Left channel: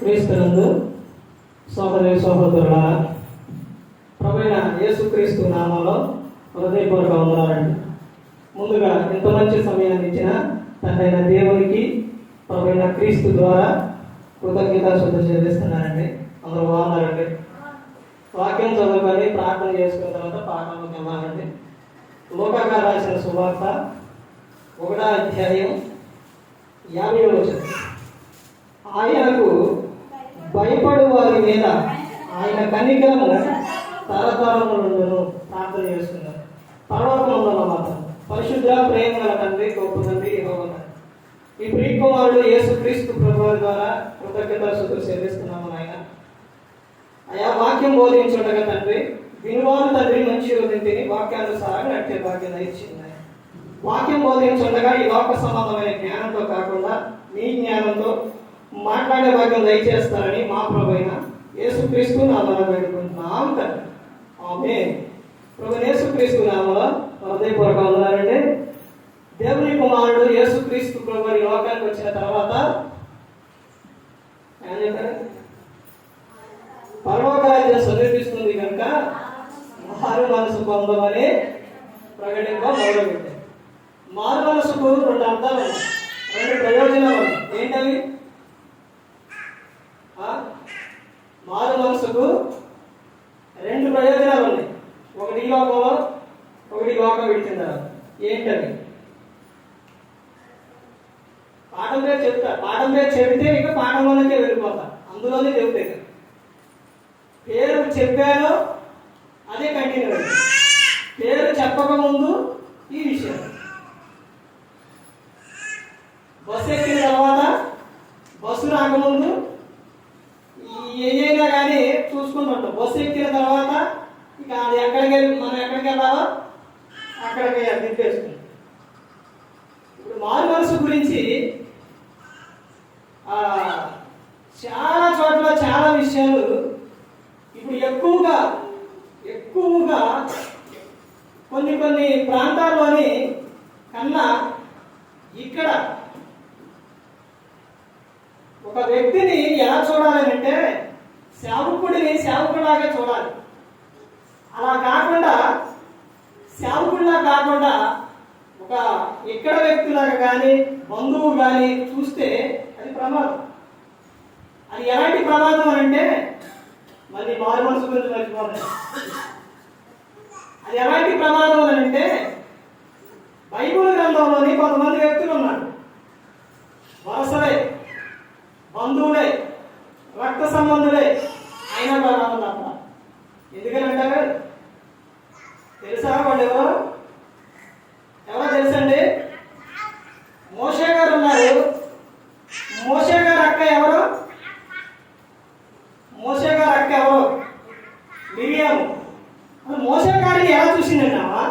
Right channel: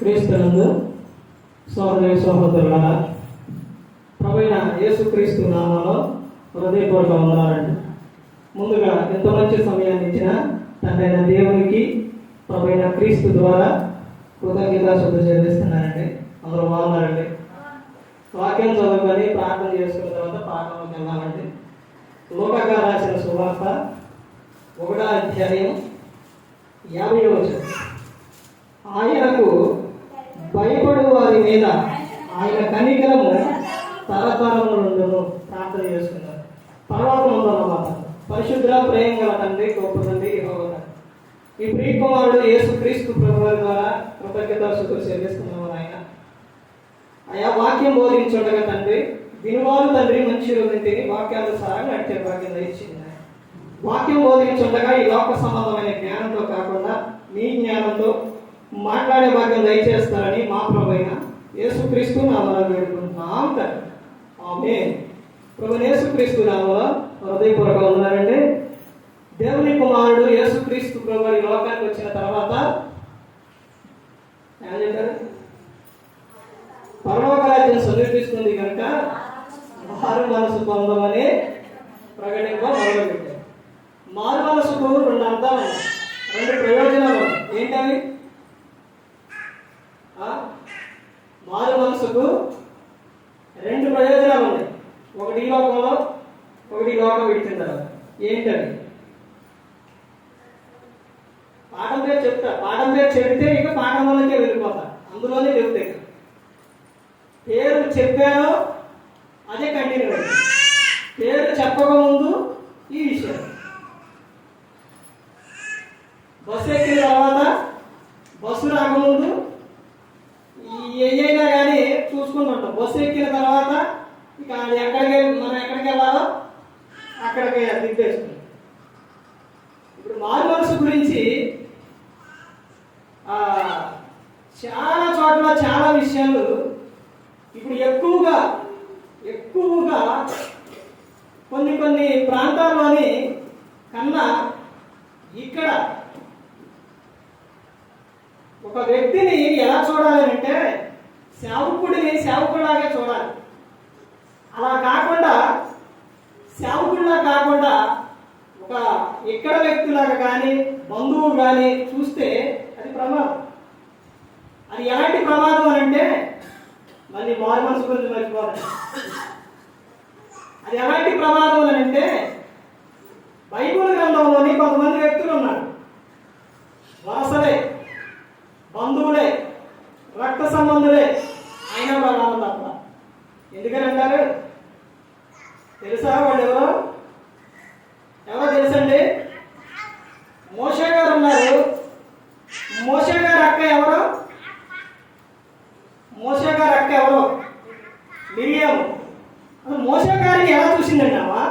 క్రీస్తునందు సహోదరి సహోదరులారా, ప్రభువైన యేసుక్రీస్తు నామములో హృదయపూర్వక వందనాలండి. ముందుగా ఇంత మంచి సమయాన్ని ఇచ్చిన తండ్రైన దేవునికి ప్రభువైన క్రీస్తు ద్వారా కృతజ్ఞతాస్తుతులు చెల్లిస్తున్నానండి. అందరూ బాగున్నారండి. వాక్యం చదువుకొని ప్రార్థన చేసుకున్న తర్వాత పాఠంలోకి వెళ్ళాలండి. లూకా రాసిన సువార్త 1వ అధ్యాయం 50వ వచనం. ఆయనకు భయపడు వారి మీద ఆయన కనికరము తరతరములుండును. ప్రార్థన చేసుకున్నారు. పర్వతమందుల మాట పరిశుద్ధ ప్రేమ గల తండ్రి, గొప్ప తండ్రి యెహోవా, ఈ ప్రియకుమారుడు యేసుక్రీస్తు ప్రభువు ద్వారా కృతజ్ఞతాస్తుతులు చెల్లిస్తున్నాము. ఆయన వాక్యం బోధించుండగా తండ్రి, వినువారు తండ్రి మంచి తిని వాక్యానుసారంగా నడిచే భాగ్యం ఇచ్చింది. వాక్యం బోధించుండగా ఈ లోక సంబంధమైన జ్ఞానంతో కాకుండా నీ జ్ఞానంతో మాట్లాడే భాగ్యం దయచేస్తారని మా ప్రభువైన యేసుక్రీస్తు నామములో వేడుకుంటున్నాం తండ్రి. ఆమేన్. ప్రభువైన యేసుక్రీస్తు నామములో హృదయపూర్వక వందనాలండి. దేవుని కుమారుడు యేసుక్రీస్తు ప్రభువు ఈ లోకానికి వచ్చిన తర్వాత ఏం చెప్పారు? పరలోక రాజ్యం సమీపిస్తుంది కనుక మారు మనసు పొందమని ప్రకటింప మొదలుపెట్టారు. మారు మనసుకు 2 అర్థాలు, 2 ప్రయోజనాలు. ఏంటవి? మారు మనసుకు 2 ప్రయోజనాలు ఉన్నాయి. ఒకటి ఈ లోకంలో, ఒకటి లోకం విడిచిన. ఏంటవి? పాఠం పేరు చెప్తా. పాఠం పేరు చెబితే ఇక పాఠంలోనే వెళ్ళిపోతా. అందులోనే చెబుతాయి. పేరు చెప్పారో అదే కంటిన్యూ. పేరు చెప్పకముందు ఈ విషయం, బస్సు ఎక్కిన తర్వాత, బస్సు రాకముందు ఏదైనా కానీ చూసుకుంటుంటాం. బస్సు ఎక్కిన తర్వాత ఇక అది మనం ఎక్కడికి వెళ్ళాలో అక్కడికి తిప్పేస్తుంది. ఇప్పుడు మారు మనసు గురించి చాలా చోట్ల చాలా విషయాలు ఇప్పుడు ఎక్కువగా కొన్ని ప్రాంతాల్లోని కన్నా ఇక్కడ ఒక వ్యక్తిని ఎలా చూడాలి అంటే సేవకుడిని సేవకుడిలాగా చూడాలి. అలా కాకుండా సేవకుడిలా కాకుండా ఒక ఇక్కడ వ్యక్తులాగా కానీ బంధువు కానీ చూస్తే అది ప్రమాదం. అది ఎలాంటి ప్రమాదం అని అంటే, మళ్ళీ మారు మనసు గురించి మర్చిపోవాలి. అది ఎలాంటి ప్రమాదం అని అంటే, బైబిల్ గ్రంథంలోని కొంతమంది వ్యక్తులు ఉన్నారు. వరసలే, బంధువులే, రక్త సంబంధులే, అయినా ప్రమాదం తప్ప. ఎందుకని అంటారు తెలుసా? వాళ్ళు ఎవరో తెలుసండి? మోషే గారు ఉన్నారు. మోషే గారు అక్క ఎవరు? మోషే గారు అక్క ఎవరు? మిరియాము. మోషే గారిని ఎలా చూసిందన్నావా?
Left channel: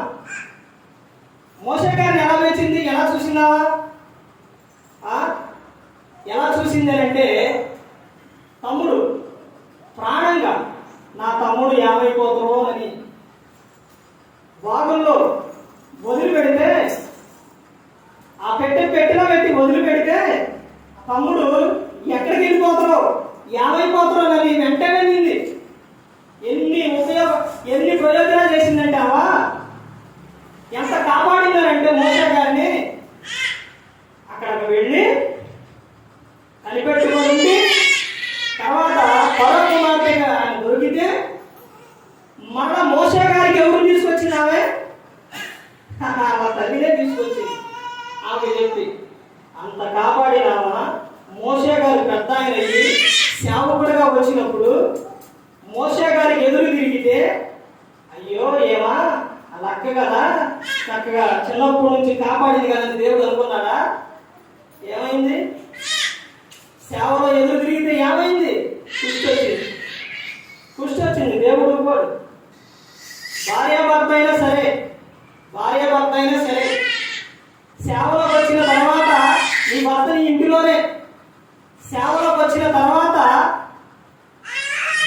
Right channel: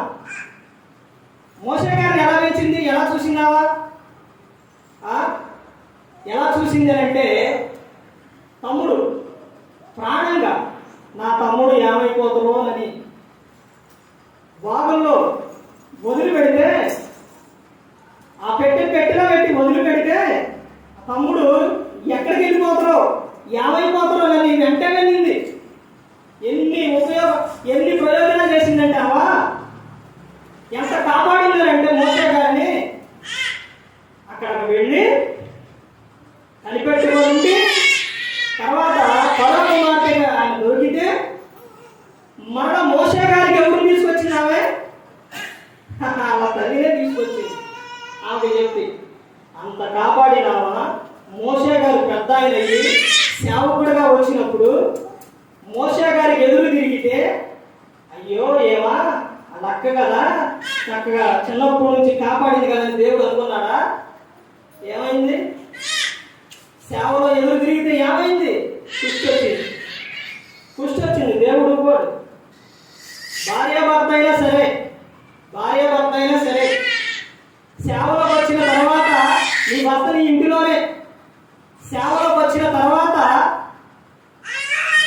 మోషే గారిని ఎలా పెంచింది? ఎలా చూసిందావా? ఎలా చూసింది అంటే, తమ్ముడు ప్రాణంగా నా తమ్ముడు ఏమైపోతామోనని వాగుల్లో వదిలిపెడితే, ఆ పెట్టెలో పెట్టి వదిలిపెడితే తమ్ముడు ఎక్కడికి వెళ్ళిపోతారో, ఏమైపోతారో అని వెంటనే నింది. ఎన్ని ప్రయోజనాలు చేసిందంటే అవా ఎంత కాపాడినారంటే మోసే గారిని అక్కడికి వెళ్ళి కనిపెట్టుకుంటే, తర్వాత పొర కుమార్తెగా ఆయన దొరికితే మరలా మోసే గారికి ఎవరు తీసుకొచ్చినావే? వాళ్ళ తల్లినే తీసుకొచ్చింది. ఆమె చెప్పి అంత కాపాడినావా? మోసే గారు పెద్ద ఆయన అయ్యి సేవకుడిగా వచ్చినప్పుడు మోసే గారికి ఎదురు తిరిగితే, అయ్యో ఏమా అది అక్క కదా, చక్కగా చిన్నప్పటి నుంచి కాపాడింది కదా అని దేవుడు అనుకున్నాడా? ఏమైంది? సేవలో ఎదురు తిరిగితే ఏమైంది? కుష్టి వచ్చింది. దేవుడు కూడా భార్యాభర్త అయినా సరే సేవలోకి వచ్చిన తర్వాత, నీ భర్త నీ ఇంటిలోనే, సేవలోకి వచ్చిన తర్వాత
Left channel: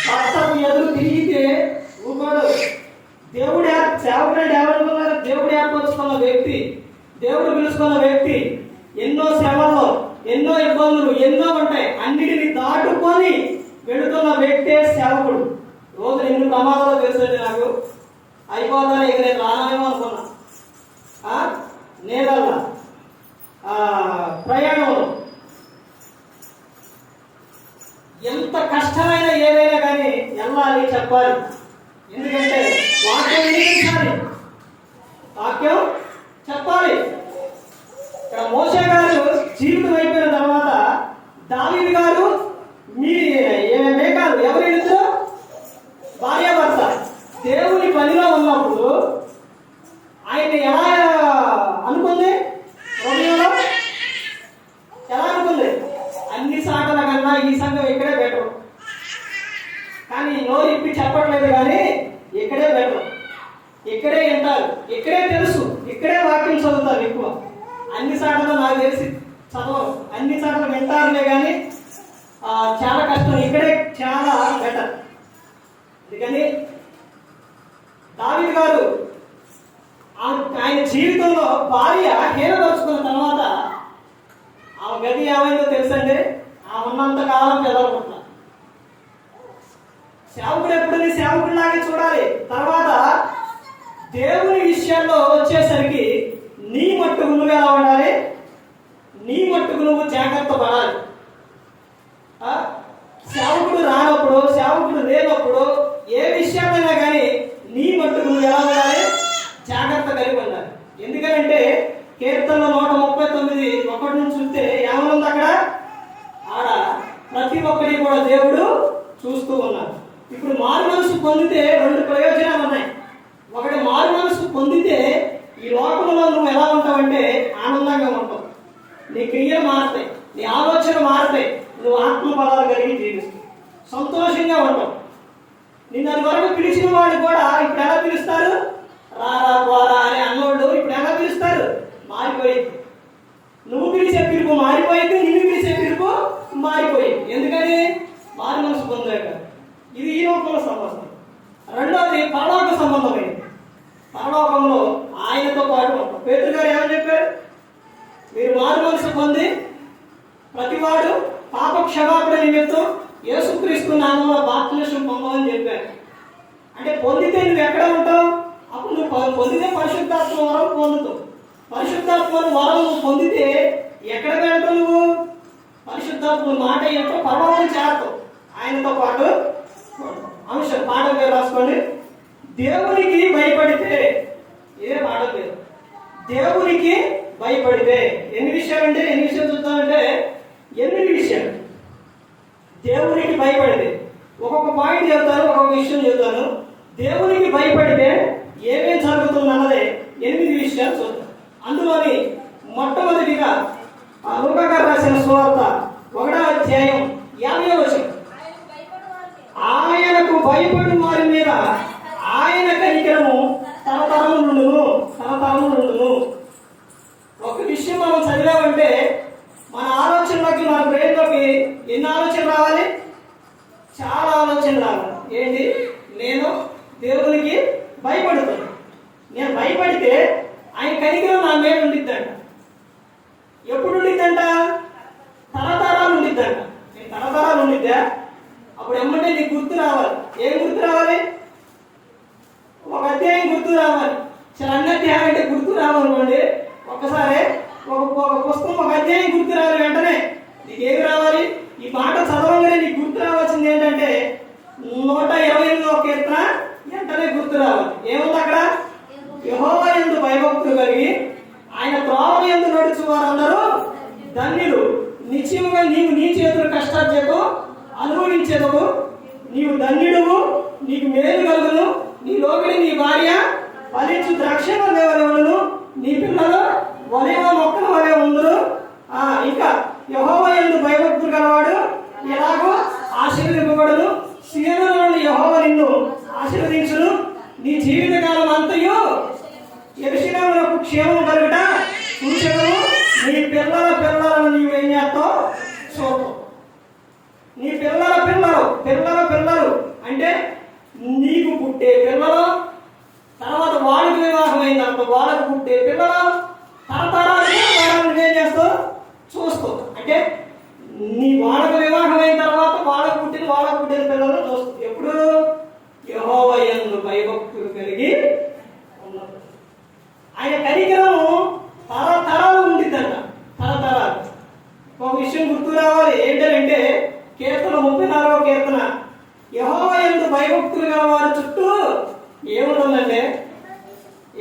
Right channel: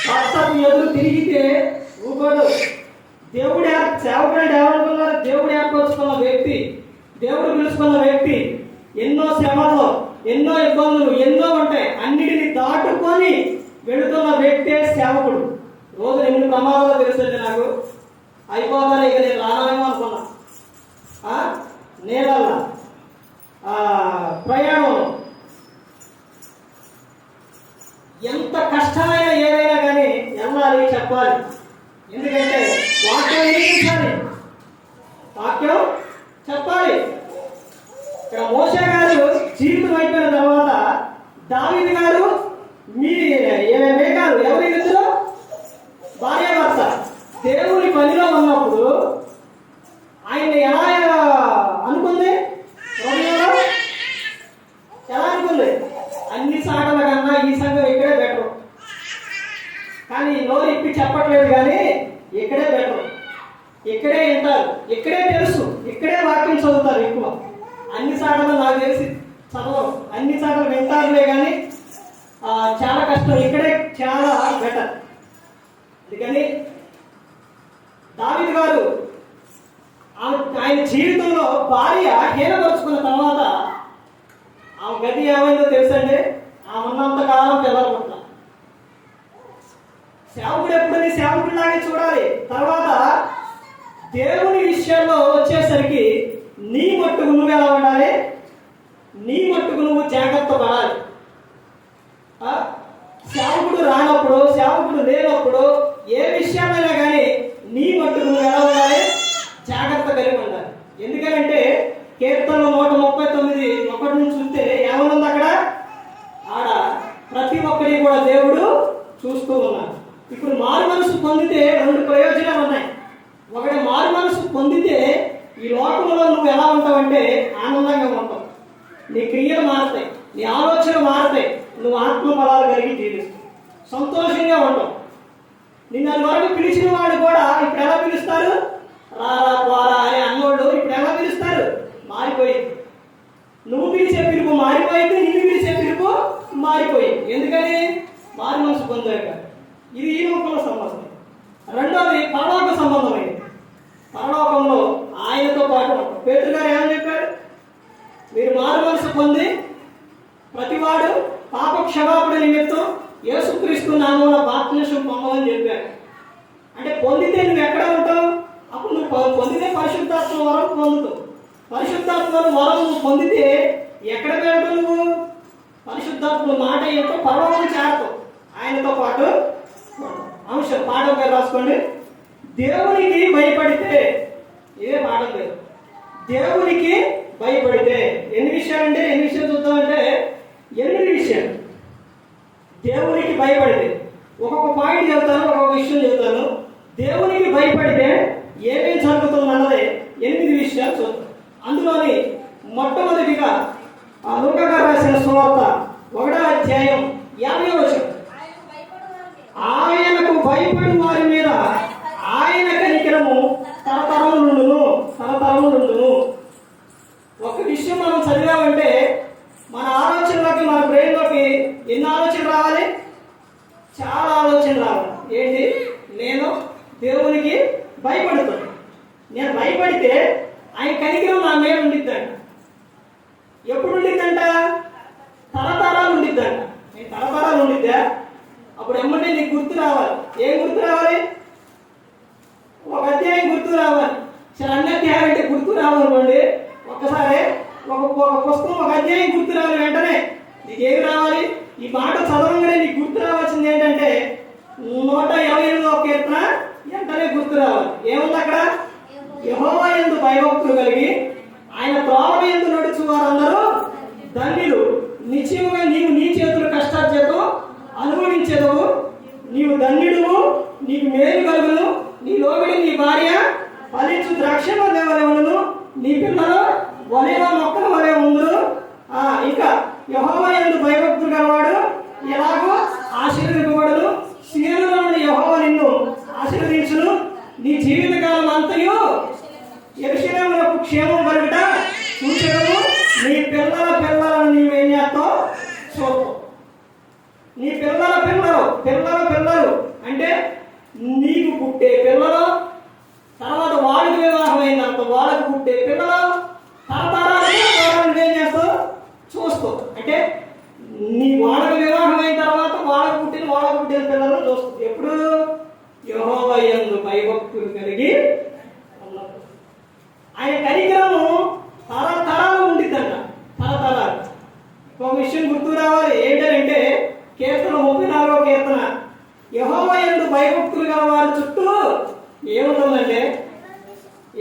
భర్తకు ఎదురు తిరిగితే ఊకోడు. దేవుడు సేవకుడు ఎవరనుకున్నారు? దేవుడు ఏర్పరచుకున్న వ్యక్తి, దేవుడు పిలుచుకున్న వ్యక్తి ఎన్నో సేవల్లో ఎన్నో ఇబ్బందులు ఎన్నో ఉంటాయి. అన్నిటిని దాటుకొని సేవకుడు. రోజు ఎన్ని ప్రమాదాలు తెలుసండి నాకు. అయిపోతానే ఇక నేను రానేమో అనుకున్నా. నేనల్లా ప్రయాణం ఎంత కష్టమైన ఏదైనా కానీ వెళ్ళాలి, చెప్పాలి. ఎందుకంటే వాక్యం నియమించాలి, వాక్యం చెప్పాలి. ఇక్కడ మోషే గారు జీవితం అయిపోయిన తర్వాత దావీదు గారు మేకాలు ఎవరు ఇద్దరు భార్యాభర్త దేవుని పనిలో ఉన్నప్పుడు ఆయన ఎలా అనుకుంది, హృదయంలో ఎలా అనుకుంది? అన్ని సాటల కన్నా ఈ సంఘం ఇక్కడే బెటర్. కానీ నోరు ఇప్పి చెప్పట్లేదు, కానీ ఇక్కడే బెటర్, ఇక్కడే వింటారు, ఇక్కడే తెలుసు, ఇక్కడే వాక్యం చదువుతారు ఎక్కువ. అన్ని సాటలు నాకు తెలిసి చదవరు, అన్ని సాటలు వింటారులే కానీ చాలా కష్టం, ఇక్కడే చాలా బెటర్. అందుకని దావీదు గారు ఆయన జీవితంలో భార్య హీనపరుచుకున్న తర్వాత ఆమె గతి ఏమైందో తెలుసండి. ఆమె ఉన్నంత కాలం పిల్లలు పుట్టిన సేవకుడు ఎప్పుడు సేవకుడిలాగే చూడాలి. తర్వాత దేవుని విషయాల్లో వచ్చేసరికి నీ మట్టుకు నువ్వు ఎలా ఉండాలి, నీ మట్టుకు నువ్వు జాగ్రత్త పడాలి. సేవకుడు రానప్పుడు, సేవకుడు లేనప్పుడు ఏ విషయాలైనా కానీ నీ మట్టుకు నువ్వు ఎలా ఉండాలి, జాగ్రత్త కలిగి ఉండాలి. ఎందుకంటే కీర్తన 139 1 నుంచి చూస్తే ఏమనుంది అక్కడ, ఆడ ప్రతి ఒక్కరి కూడా దేవుడు చూస్తూ ఉన్నారు. ఇప్పుడు మారు మనసు పొందితే 2 ప్రయోజనాలు ఉన్నాయి. ఒకటి, మారు మనసు పొందితే ఈ లోకంలో నువ్వు ఎలా ఉంటావంటే ఆనందంగా ఉంటావు, నీ క్రియలు మారుతాయి, నీ ఆలోచన మారుతాయి, నువ్వు ఆత్మఫలాలు కలిగి జీవిస్తావు, సంతోషంగా ఉంటావు. నిన్న వరకు పిలిచిన వాడు కూడా ఇప్పుడు ఎలా పిలుస్తారు, రారా పోరా అని అన్నోడు ఇప్పుడు ఎలా పిలుస్తారు, మారిపోయింది. నువ్వు పిలిచే పిలుపు మారిపోయింది, నిన్ను పిలిచే పిలుపు మారిపోయింది. ఎందుకని? మారు మనసు పొందాక. ఇది ఈ లోకంలో సంబంధం. రెండోది పరలోక సంబంధమైంది. పరలోకంలో ఆయనతో పాటు పేతురు గారు ఏమని చెప్పారు, మీరు మారు మనసు పొంది ప్రతివాడు పాప క్షమాపణ నిమిత్తం యేసుక్రీస్తు నామములో బాప్తిస్మం పొందమని చెప్పారు. అంటే పొందితే నువ్వు ఎక్కడ ఉంటావు, అప్పుడు నువ్వు పొందితే పరిశుద్ధాత్మ వరం పొందుతావు. పరిశుద్ధాత్మ వరం నువ్వు పొందితే ఎక్కడ వెళ్తావు, నువ్వు పరిశుద్ధాత్మ మాట యొక్క పరలోకం చేరతావు, ఆయనతో పాటు. అంశం పాఠం గారు రాసుకోండి. దేవునికి భయపడితే, ఇదే పాఠం పేరు, దేవునికి భయపడితే ఎన్ని విషయాలంటే, ఎన్ని విషయాలు చూద్దామంటే 8 విషయాలు. దేవునికి భయపడితే ఒక్కొక్క పాయింట్ చెబుతాను, ఒక్కొక్క విషయం చెబుతాను. దేవునికి భయపడితే ఏమేం జరుగుతుందన్నదే 8 విషయాలు చూద్దాం. అందులోని మొట్టమొదటిగా లూకా గారు రాసిన సువార్త 1వ అధ్యాయం 50వ వచనం, ఆయనకు భయపడిన వారి మీద ఆయన కనికరము తరతరము నుండును, తరతరము నుండును. ఒక విషయం మనం చదివామంటే మన ఆలోచనలోకి, మన బ్రెయిన్లోకి ఎన్ని ఆలోచనలు రావాలి, చాలా ఆలోచనలు రావాలి. ఏంటి, నేను దేవునికి భయపడుతాను, నేను భయపడితే ఆయన కనికరం నా మీద ఉండిద్దంట. ఎప్పుడు ఉండిద్దంట, తరతరాలు ఉండిద్దంట. నేను తరతరాలు ఉండిద్దా, అప్పుడు ఎమ్మంటే నీకు గుర్తు రావాలి. ఏం గుర్తు రావాలి, ఒక అధ్యాయం గుర్తు రావాలి. చాలా అన్ని అధ్యాయం అంటే గుర్తు రావాలనుకోండి, ఒక్కసారి ఒక పుస్తకం ఒక అధ్యాయం గుర్తు రావాలి. వెంటనే నీకేమి రావాలి, ఈ మాట చదవగానే నీకు గుర్తు రావాల్సింది ఏంటంటే 128వ కీర్తన వెంటనే గుర్తు రావాలి. ఏముంది అక్కడ, యెహోవా యందు భయభక్తులు కలిగి ఆయన త్రోవ యందు నడుచు వారందరూ ధన్యులు. నిశ్చయముగా నీవు నీ చేతుల కష్టార్జితం అనుభవించేదవు, నీవు ధన్యుడువు, నీకు మేలు కలుగును, నీ లోబడి నీ భార్య ఫలించు ద్రాక్ష వలె, నీ పిల్లలు వలెవ మొక్కల వలె ఉందురు. ఇంకా యెహోవా యందు భయభక్తులు గలవాడు ఎలాగో ఆశీర్వదింపబడును, సీయోనులోని యెహోవా నిన్ను ఆశీర్వదించును, నీ జీవితకాలం అంతయు యెరూషలేమునకు క్షేమం కలుగుట చూచెదవు, నీ పిల్లల పిల్లలను నీవేం చేస్తావు చూడవు. నీ పిల్లల పిల్లలు, పిల్లల పిల్లలు అంటే నీకు పుట్టే పిల్లలు, తర్వాత వాళ్ళకి వివాహం అయిన తర్వాత వాళ్ళకు పుట్టే పిల్లలు, తరతరాలుగా వాళ్ళని నువ్వేం చేస్తావు చూస్తావు. అంటే నీ వాళ్ళకి వివాహం అయిన తర్వాత వాళ్ళకు పుట్టిన పిల్లలు చూస్తావు. ఎప్పుడు కీర్తన. యెహోవా యందు భయభక్తులుగా వారి చుట్టూ ఏముంటుందంటే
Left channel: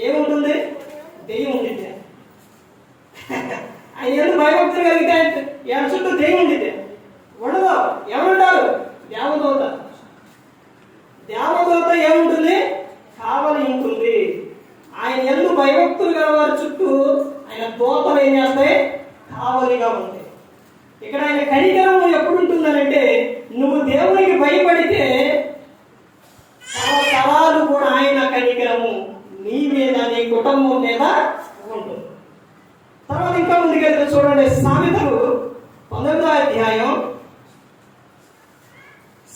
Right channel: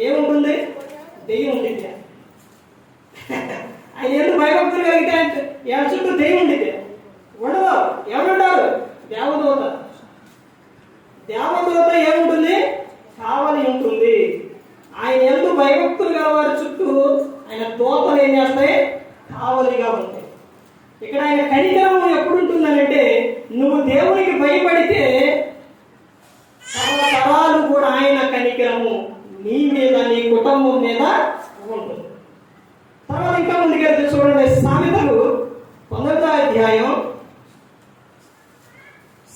ఏముంటుంది? దెయ్యం ఉండిద్ది. ఆయన యందు భయభక్తులు కలిగితే ఎవరి చుట్టూ దెయ్యం ఉండిద్ది ఉండదు. ఎవరుంటారు? దేవదూత. దేవదూత ఏముంటుంది? కావలి ఉంటుంది. ఆయన యందు భయభక్తులు గల వారి చుట్టూ ఆయన దూతలు ఏం చేస్తాయి? కావలిగా ఉంటాయి. ఇక్కడ ఆయన కనికరం ఎప్పుడు ఉంటుందనంటే, నువ్వు దేవునికి భయపడితే తరాలు కూడా ఆయన కనికరము నీ మీద, నీ కుటుంబం మీద ఉంటుంది. తర్వాత ఇంకా ముందుకెళ్తే చూడండి, సామెతలు 19వ అధ్యాయం.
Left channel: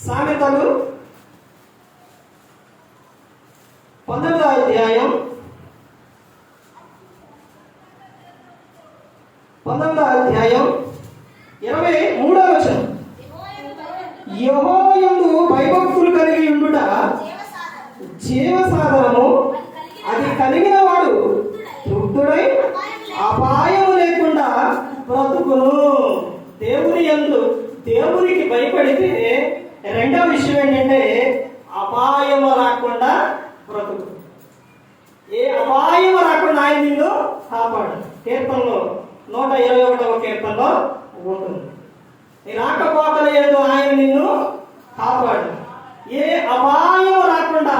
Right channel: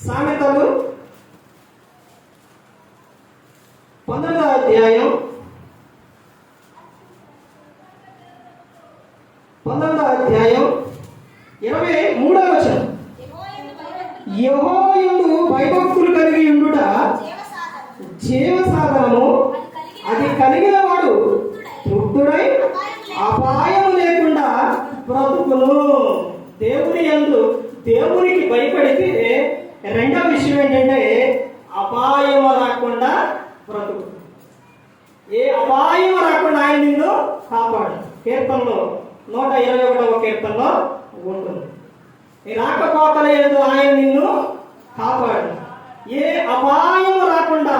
సామెతలు 19వ అధ్యాయం 23వ వచనం. యెహోవా యందు భయభక్తులు కలిగి ఉండుట జీవ సాధనము, అది కలిగిన వాడు తృప్తుడై అపాయం లేకుండా బ్రతుకును. దేవుని యందు దేవునికి భయపడితే రెండవ విషయం ఏంటంటే అపాయం రాకుండా బ్రతుకు. ఏ అపాయం రాకుండా ఆయన నిన్ను కాపాడు. కీర్తనలో 121వ కీర్తనలో ఉంటుంది. నీ రాకపోకల యందు ఆయన నిన్ను కాపాడు. ఏ అపాయం రాకుండా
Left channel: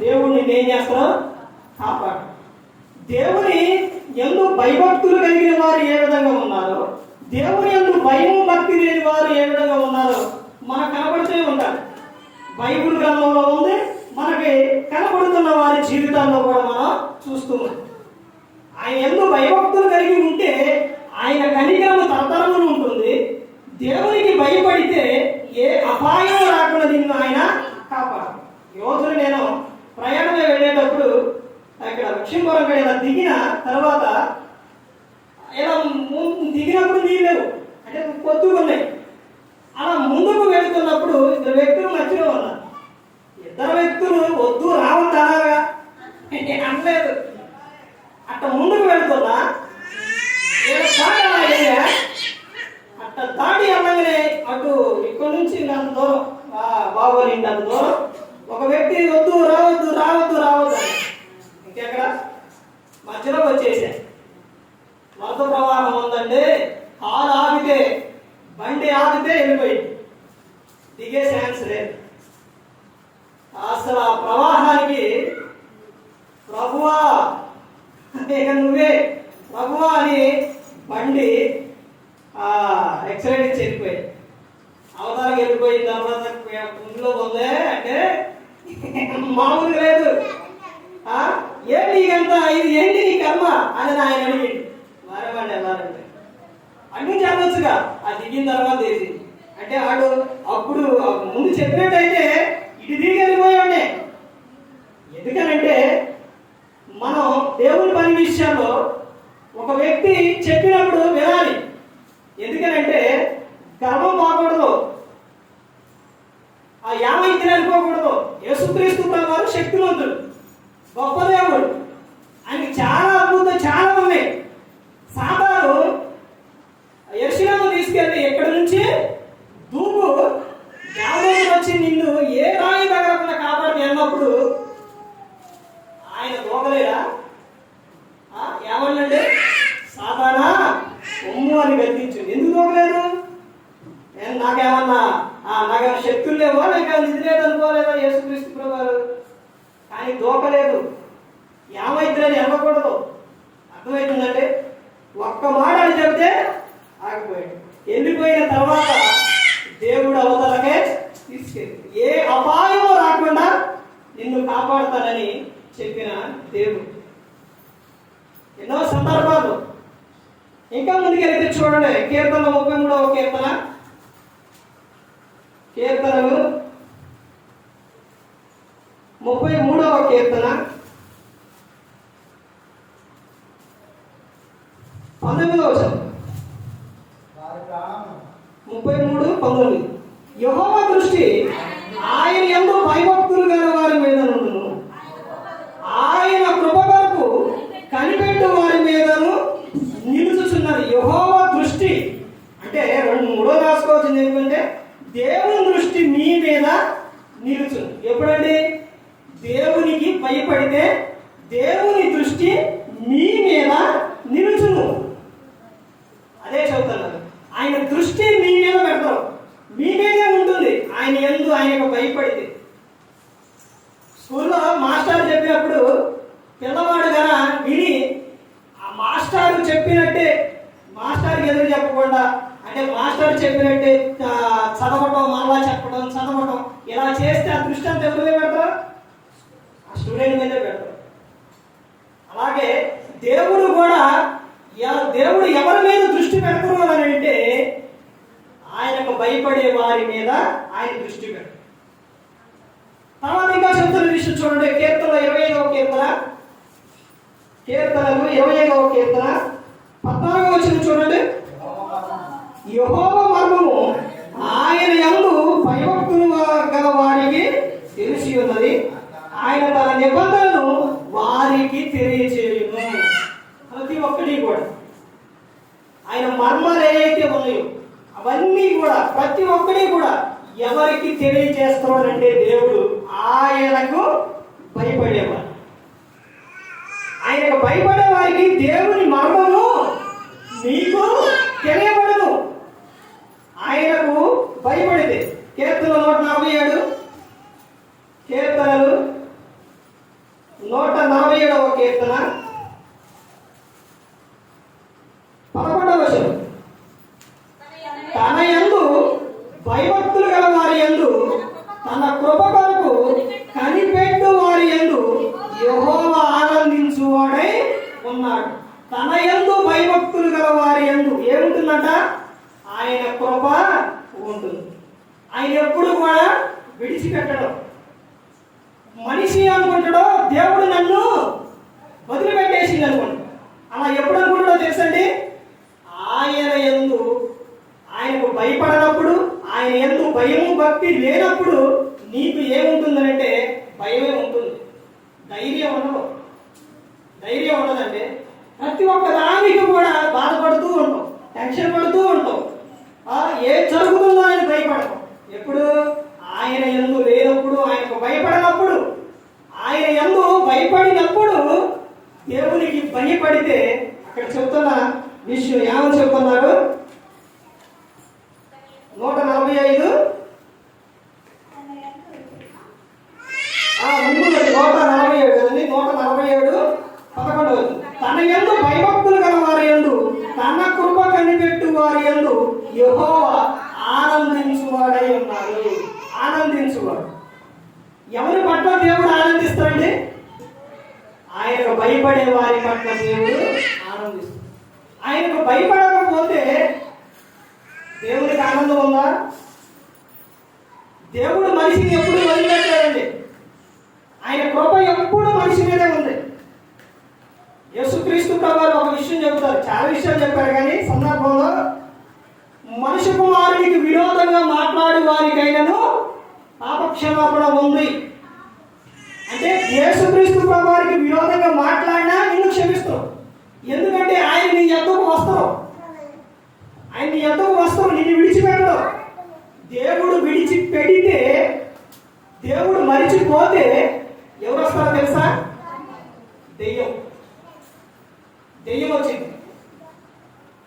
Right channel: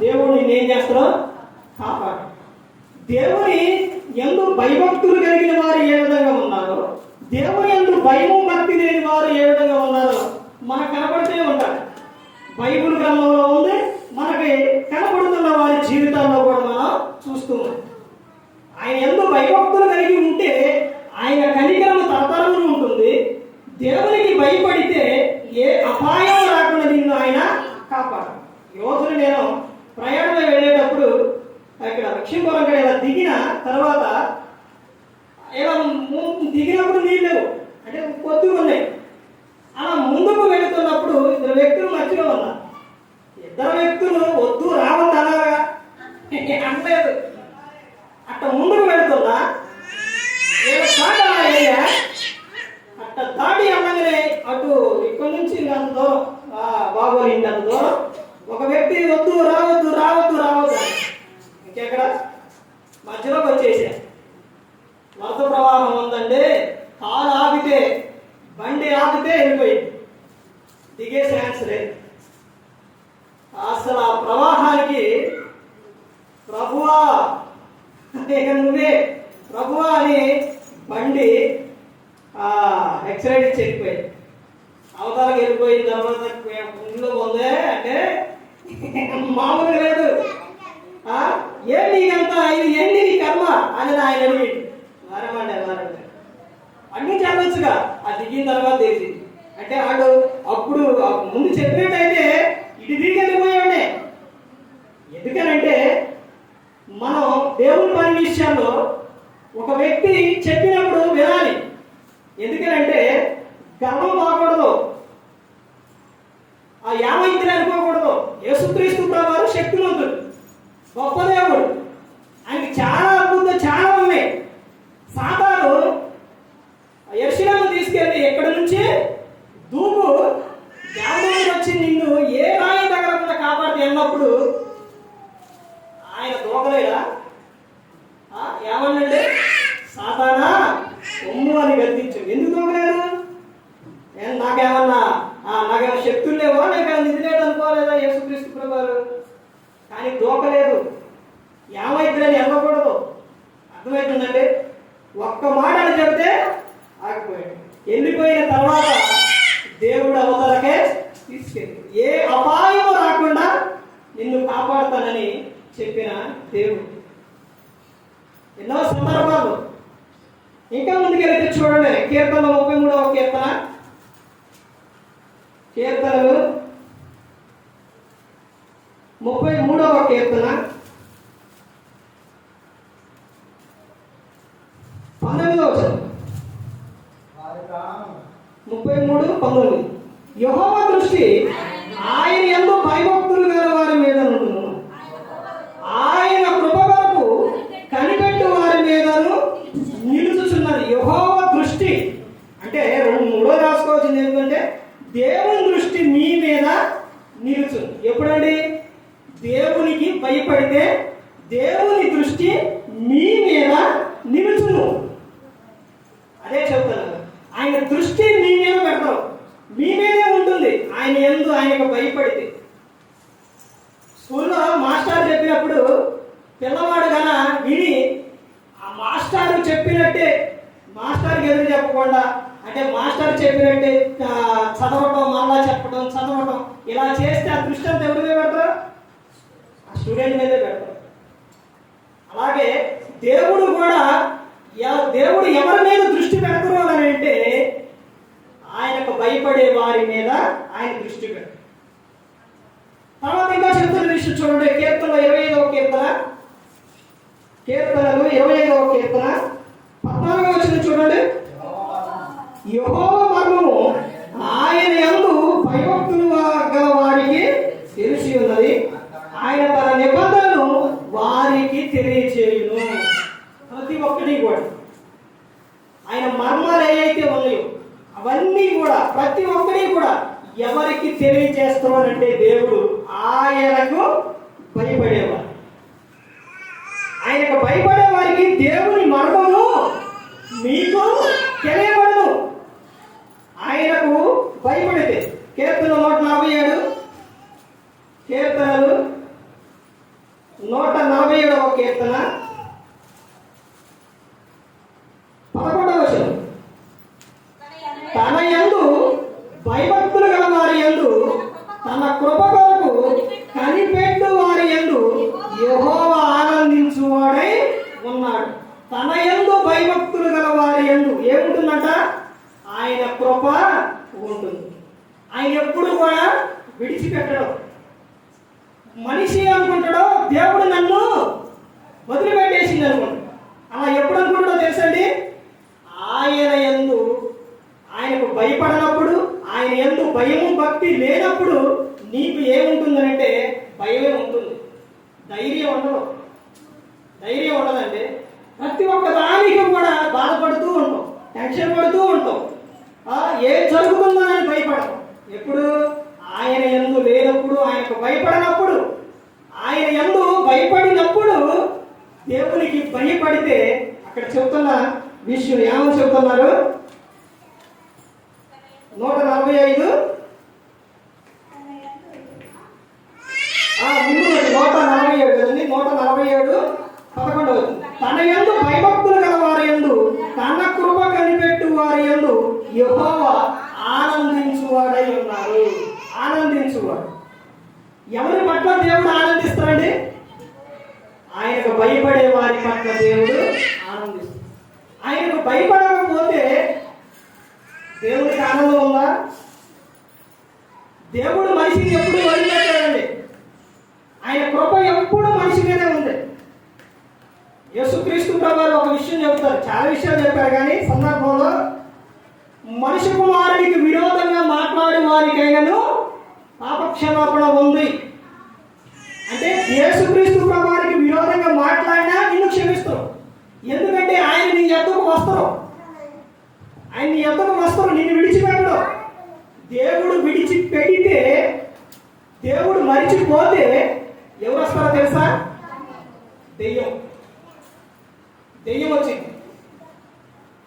దేవుడు నిన్ను ఏం చేస్తాడో కాపాడు. దేవుని యందు భయభక్తులు కలిగిన వారు ఏ విధంగా ఉన్నారో, దేవుని యందు భయము భక్తి లేని వారు ఏ విధంగా ఉన్నారో మనకు కనబడుతూ ఉంటారు. బైబిల్ గ్రంథంలో ఉంది, మనకి కనబడుతున్న వారి జీవితాల్లో కూడా మనం చూస్తున్నాం. ఆయన యందు భయభక్తులు కలిగి ఉంటే ఆయన కనికరము తరతరములు ఉంటుంది. దేవునికి భయపడితే ఏ అపాయం రాకుండా నిన్ను ఆయన కాపాడు. యోధులు నేను ప్రయాణమే వెళ్ళేటప్పుడు అక్కడ లక్ష్మీపురం ఇలా దిగిన తర్వాత ఇలా దిగినప్పుడు నీళ్ళు లేవు, అంటే పొద్దుకున్నాయి. అలా ముందుకు వెళుతున్నప్పుడు ఇద్దరు వ్యక్తులు మధ్యలో ఉన్నారు. ఇద్దరు వ్యక్తులు వద్దు రావద్దు అలాగా అనలేదు. అట్ట ముందుకు వెళుతున్నా అట్ట దాటి అమ్మగానే అటు ఇక్కడ నుంచి అంత దూరం బాగోలు ఇంటి అంత దూరం ఒక వ్యక్తి వద్దు రావద్దు రావద్దు రావద్దు ఇంకెక్కడ మధ్యలోకి వచ్చేసా. వరద ప్రవాహం ఉందండి, కాలు ఆపితే బండి ఆపితే వెళ్ళిపోయింది, దిగే ఛాన్స్ లేదు. అసలు ఆ ప్రవాహానికి ప్రభువా ఇక నువ్వే ప్రభువా అని బండి ఎక్సలెంట్ చెరిపోయింది. అవతలకి వెళ్ళిపోయిన తర్వాత ఇంట్లో ఉందే అంటే మామూలు లేదు. ఏం నీకంతా ఇది ఏంటి నీ కర్మ అని ఆయన అడిగి వారమండి అన్ని చెప్పొచ్చుగా. అది దిగిన తర్వాత తెలిసింది. అంటే వాడు అప్పుడు ముందు చెప్పినట్టయితే ఇటు తిరిగి వెళ్ళిపోయాడే. ఎందుకనంటే మనం దేవుని పని విషయాల్లో ఒక వ్యక్తి చెప్పినప్పుడు వినాలి. ఎందుకనంటే గర్వం కాకూడదు, ఆ యామైంతిని అనుకోకూడదు. యేసుక్రీస్తు వారు శక్తివంతుడు, గొప్ప దేవుడు, ఆయనకి చాలా అద్భుతం చాలా ఉన్నాయి. సాతాను యెరూషలేము తీసుకెళ్ళి ఎక్కడి నుంచి దూకు దేవుడికి వచ్చి నిన్ను ఏ రాయి తగలకుండా కాపాడుతూ వెళ్ళినప్పుడు ఆయన దూకలేదా? ఏమన్నంటే సాతానా ఒమ్ము అని గద్దించు. ఎందుకు దూకలేదు? నేను నాకేమన్నా నాకేమైనా శక్తులు లేవా, నాకేమైనా నిధి లేదు అనుకోలేదా యేసుక్రీస్తు ప్రభువారు? కానీ దూకలేదు. ఏమైతుందని వెళ్ళకూడదు. అర్థమవుతుందంటే ఒక్క మాట అని చెబితే ఆగిపోయాడు. వెళ్ళిపోయిన తర్వాత దేవుడు అవతలకే తీసుకెళ్ళి ఏ అపాయం రాకుండా నిన్ను కాపాడుతానని చెప్పిన దేవుడు. ఎన్నో సందర్భాలు ఇంకా ముందుకెళ్తే చూడండి. కీర్తన 33వ కీర్తన, కీర్తనలు 33వ కీర్తన 19వ వచనం. 33:19 యెహోవా దృష్టి ఆయన యందు భయభక్తులు గల వారి మీద ఉండును, ఆయన కృప కొరకు కనిపెట్టు వారి మీదను నిలుచుచున్నది. యెహోవా దృష్టి అంటే 2-3 రాసుకోవచ్చు. ఎందుకంటే దేవుని దృష్టి మీ మీద నిలుచును. ఎప్పుడండి? దేవునికి భయపడితే దేవుని దృష్టి మీ మీద నిలుచును. అదే చెబుతున్నారు. ఆయన దృష్టి మీ మీద పెడతారు, మీ మీదే ఉంటుంది. ఆయన యందు ఆయనకు భయపడితే. స్కూల్లో మాస్టర్ చెప్పినప్పుడు పిల్లవాడు గన విని ఆ మాస్టర్ చెప్పినట్టే, మాస్టర్కి ఎదురు చెప్పకుండా, అంటే మాస్టర్ చెప్పినట్టే చదవటం, మళ్ళా చెప్పడం, చదవటం, ఇలా చేస్తే ఆ దృష్టి అంతా ఎవరి మీద పెడతారు? ఆ స్టూడెంట్ మీదే పెడతారు. అలాగే దేవుడు కూడా, దేవుడు ఎవరి మీద దృష్టి పెడతారు అని అంటే ఆయనకు భయపడే వారి మీద ఆయన దృష్టి పెడతారు. తర్వాత ఇంకా చెప్తున్న విషయం చూడండి. కీర్తనలు 25వ కీర్తన, కీర్తనలు 25వ కీర్తన 14వ వచనం చూడండి. యెహోవా మర్మము ఆయన యందు భయభక్తులు గల వారికి తెలిసి ఉన్నది, ఆయన తన నిబంధనలు వారికి తెలియచేయును. ప్రతి ఒక్కటి కూడా ఆయన మర్మాలు ఏవైతే ఉన్నాయో అవన్నీ కూడా ప్రతి ఒక్కటి కూడా ఎవరికి తెలియజేస్తున్నాడంటే దేవుడు ఆయనకు భయపడేవారు. ఆయనకు భయపడే వారికి దేవుని మర్మము మీకు తెలియబడదు. ఆయనకు భయపడితే. కీర్తనలు 147, కీర్తనలు 147వ కీర్తన 11వ వచనం. తన యందు భయభక్తులు గల వారి యందు, తన కృప కొరకు కనిపెట్టు వారి యందు యెహోవా ఆనందించువాడై ఉన్నాడు. తన యందు భయభక్తులు గల వారి యందు ఏముంటుందంట? ఆయన కృప ఉంటుంది. ఆయన ఎప్పుడు కూడా విడిచిపెట్టడం. మనిషి అనుకుంటాడో దేవుడు నన్ను వదిలిపెట్టేసింది అనుకుంటాడు. అలా ఎప్పుడు అనుకుంటాడో తెలుసండి? ఆయన యందు ఆయనకు భయపడనప్పుడు, ఆయన యందు భయము భక్తి లేనప్పుడు నీకు ఏముంటుందంటే భయమే ఉంటుంది, ధైర్యం ఉండదు. ధైర్యం ఉండదండి. ప్రతి ఒక్క దానికి కూడా బాధపడుతూ ఉంటాం, టెన్షన్ పడుతూ ఉంటాం. ఏ జరుగుతుందో ఆయన భయపడతాం. ఎప్పుడు? ఆయన యందు లేనప్పుడు, ఆయనకు భయపడనప్పుడు. ఆయన యందు భయపడినప్పుడు దేవునికి భయపడితే అక్కడ చెబుతున్న విషయం ఏమని చెబుతున్నారు? 145 147 కదండి. 147 11. తన యందు భయభక్తులు గల వారి యందు, తన కృప కనిపెట్టు వారి యందు యెహోవా ఆనందించువాడై ఉన్నారు. ఆనందించువాడు. ఎవరి పట్ల దేవుడు ఆనందిస్తాడండి? ఆయనకు భయపడే వారి పట్ల దేవుడు ఆనందిస్తాడు. ఆయనకు భయపడకపోతే దేవుడికి ఆనందం ఉందా? దేవుడు మనిషిని ఎప్పుడు వదిలిపెట్టాడండి. ఆయన కృప ఎప్పుడు మనిషి మీదే ఉంది. యేసుక్రీస్తు ప్రభువారు ఒక విషయం చెబుతారు, చాలా విషయాలు చెప్పారు, కానీ సందర్భంలో మనిషి కుమారుడికి విరోధంగా మాట్లాడే వారికైనాను పాపక్షమాపణ ఉంది. అంటే యేసుక్రీస్తు ప్రభువారికి విరోధంగా మాట్లాడినా నిన్ను క్షమిస్తావు. ఎందుకంటే ఆయన నీ ఎద్దకు వస్తావు, ఆయన నీ ఎద్దకు వస్తావు, నిన్ను విడిచిపెట్టడు. దేవుడు విడిచిపెడితే, దేవుడు మరిచిపోతే ఎవరు వస్తారో తెలుసా? దెయ్యం. దెయ్యం వచ్చింది.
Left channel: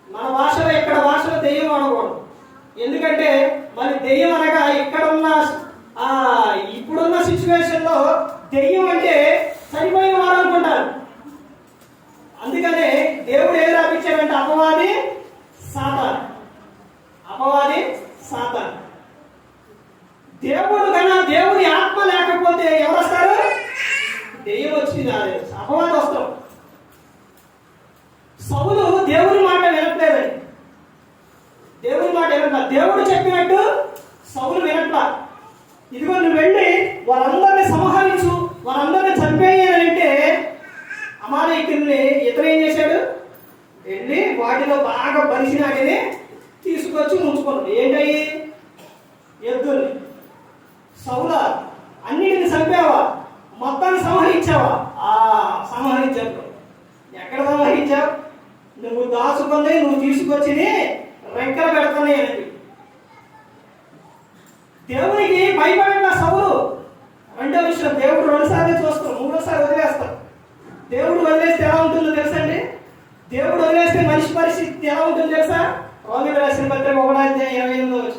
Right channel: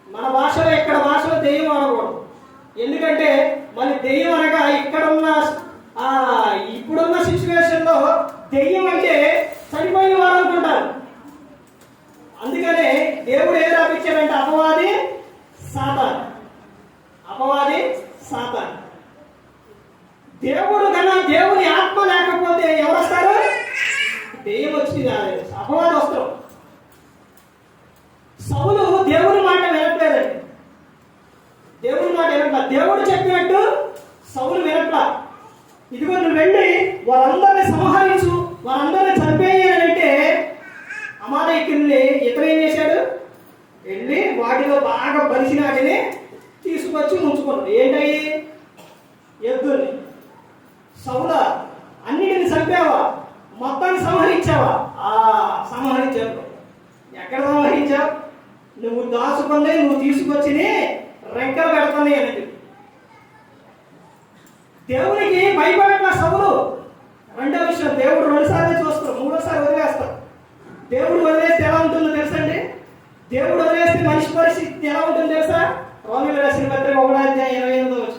మన భాషలో, ఇక్కడ భాషలో దెయ్యం అనకూడదు. ఎందుకంటే మరి దెయ్యం అనగా ఇక్కడున్న ఇప్పుడున్న సిచ్యువేషన్ లో దెయ్యం అంటే చనిపోయిన వారు అనుకుంటారు. అందుకనే దేవుడు ఏది రాపించాడంటే అపవాది సాతాను. అపవాది సాతాను. దేవుడు కన్నా దేవుని ఆత్మ లేకపోతే ఎవరు వస్తారు? దెయ్యం వచ్చింది రాలేదు, అపవాది వస్తారు. సౌలు దేవుని మాట వినట్లేదండి. దేవుని మాట వినట్లా. దేవుడు చెప్పినట్టు సౌలు వినట్లా. ఇదిగో నువ్వు వెళ్ళి వారందరినీ సంహరించు, వారందరినీ చంపేయాలంటే అమాలేకీయుల్ని ఇతను ఏం చేశాడు? వెళ్ళి వాటిలో బాగా బలిసిన వాటిని తీసుకొచ్చి ఉంచుకున్నాడు. ఏంటయ్యి? ఎద్దుల్ని. సౌలా, అన్నిటిని చంపావా? మొత్తాన్ని సంహరించావా? సంహరించావు. ఎక్కడ సంహరించావు? నువ్వు దాచుకుంది, నువ్వు తీసుకొచ్చి రెక్కలు పెడుతుంది అని. దేవునికి భయపడిన సౌలు. రెండో విషయం, దేవుడు 2 సార్లు చూస్తాం, 3ఓసారి వదిలేస్తాం. దేవుడు వదిలేస్తే ఎలా ఉంటుందో తెలుసండి? దేవుడు వదిలేస్తే మనిషి పరిస్థితి ఎలా ఉంటుందో తెలుసా? రోమీయులకు రాసిన పత్రిక 1:28.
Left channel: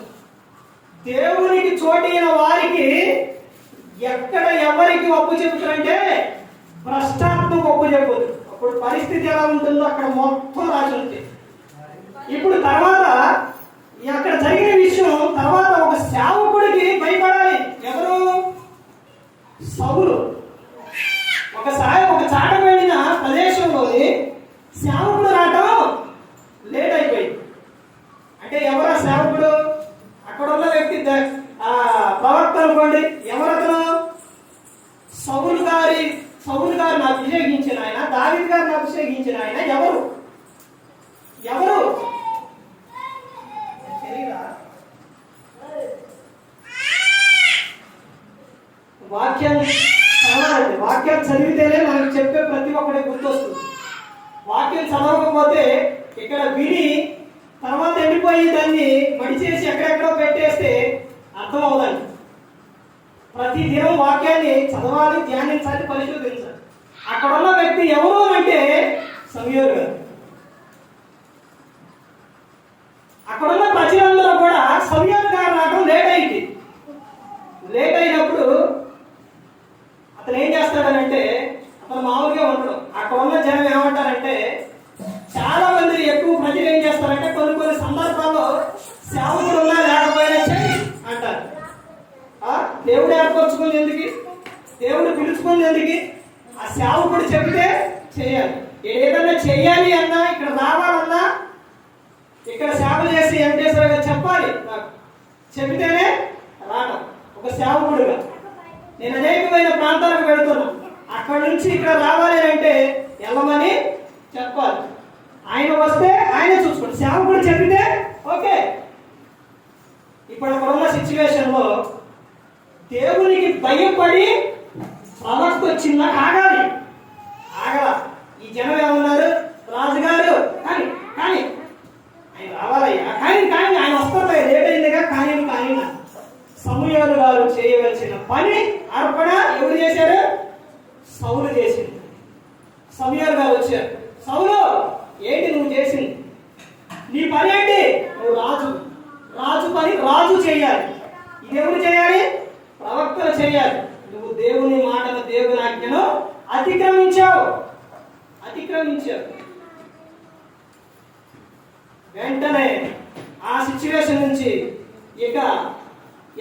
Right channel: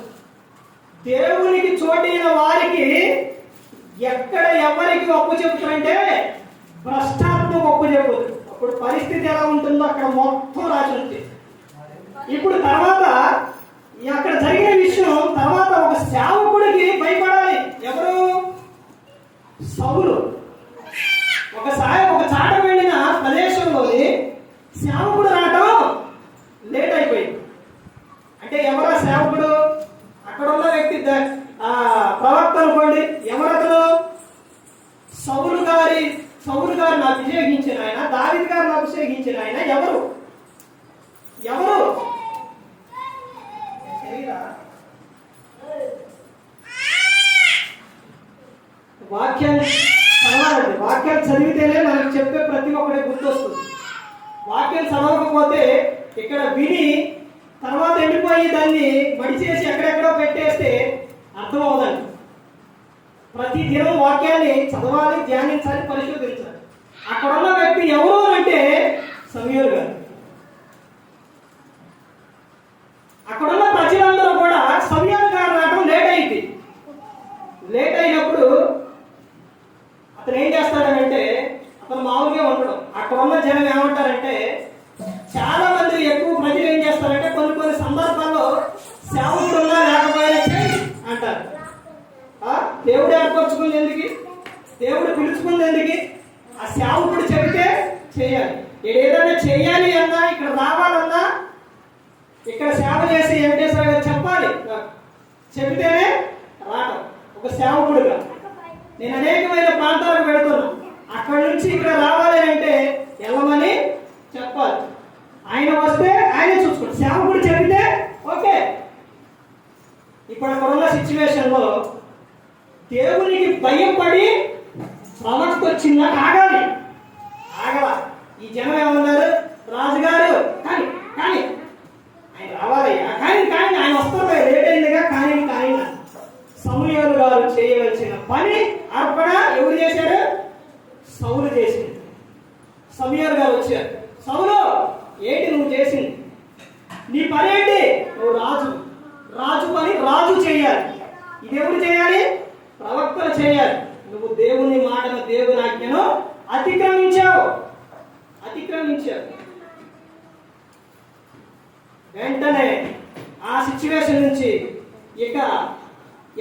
దేవునికి చోటైన వారికి ఎక్కడ ఎవరికి ఒప్పు చెబుతారంటే భ్రష్టాత్మకు ఒప్పు చెబుతుంది. అప్పుడు పరిస్థితి ఎలా ఉంటుందో అక్కడ మొత్తం రాసి ఉంది. ఇప్పుడు తర్వాత అక్కడ జరిగిన విషయం తర్వాత ఒక సేవకుడికి భయపడాలి. ఎవరు? సౌలు. ఒకసారి ఒక చాట వెళ్ళిన ప్రదేశంలోని సేవకుడు రావటం లేట్ అయిపోయింది. అంటే ఎవరా సేవకుడు? అక్కడ ఉన్న వ్యక్తి ప్రవక్త అనుకోండి. ఎవరతను? సౌలు గారిని అభిషేకించిన ఆయన, దావీదు గారిని అభిషేకించిన ఆయన. ఎవరు? వాక్యం చదివితేనే మనకు చెప్పే ప్రతి ఒక్కటి గుర్తొస్తుంది. వాక్యం చదవకపోతే ఇక్కడ విని తర్వాత ఎండిపోయి దాన్ని మడిచేసి ఎక్కడెక్కడో పెట్టేస్తే అర్థం అవుతుంది. ప్రతి దినం వాక్యాన్ని చదవాలి, ధ్యానించాలి, పరిశోధించాలి. అక్కడ ఉన్న వ్యక్తి ఎవరు అంటే సమూయేలు గారు. అక్కడున్న ప్రజలందరూ కూడా సమూయేలు గారు రావడం లేట్ అయింది. లేట్ అయినప్పుడు అతను ఏం చేస్తాడనంటే అతను మామూలుగా ఉండడం. అక్కడ ఉన్న జనం ఏమంటారంటే, చాలా మంది ఎక్కువ ప్రజలు ఏం చేస్తారంటే కొన్ని సందర్భాల్లో సేవకుడు ఉన్నా లేకపోయినా చేయి అంటారు. దేవుడు ఏర్పరచుకుంది ఎందుకు? దేవుడు పిలుచుకుంది ఎందుకు? ఆ సేవకుడు చెబితే చేయాలి. ఏదైనా చేయాలి అన్నా, ఇక్కడ రావాలన్నా, ఇక్కడ సేవ చేసి వెంకటేశ్వర గారు చెప్పాలి. చెబితేనే రావడం ఒక సేవకుడుగా. నేను అనేకమైన ప్రాంతాలకు వెళుతున్నా. అక్కడ నుంచి ఇక్కడ రావాలి అంటే వెళ్ళమని చెప్పాలి. ఆయన వస్తే ఆయన చూసుకోండి. సేవకుడు చెబితే ఓకే. ఇప్పుడు అక్కడ ఉన్న సిచ్యువేషన్ లో దేవునికి భయపడి ప్రవక్త వచ్చిందా ఆగాలి. ఆగల. ఈ జనం ఏమన్నారు? రాజుగారు కానీ ఆయన రావాలయ్యా, కానీ ఆయన వస్తారు, లేట్ అయిందిగా, కానీ సమూయేలు గారు చేయవలసిన పని అర్పణ ఎవరు చేశారు? సౌలు చేసింది. సమూయేలు గారు వచ్చారు. సౌలు, ఏంటి నువ్వు చేసింది? నీ పని ఏంటి? నువ్వు రాజు పని రాజు చేయాలి. ఇది ఎవరు చేయాలి? ప్రవక్తలు చేయాలి. నువ్వు దేవుని మాటను, దేవుని ఆజ్ఞను అతిక్రమించావు. వెంటనే ఆ సిచ్యువేషన్ నుంచి ఇక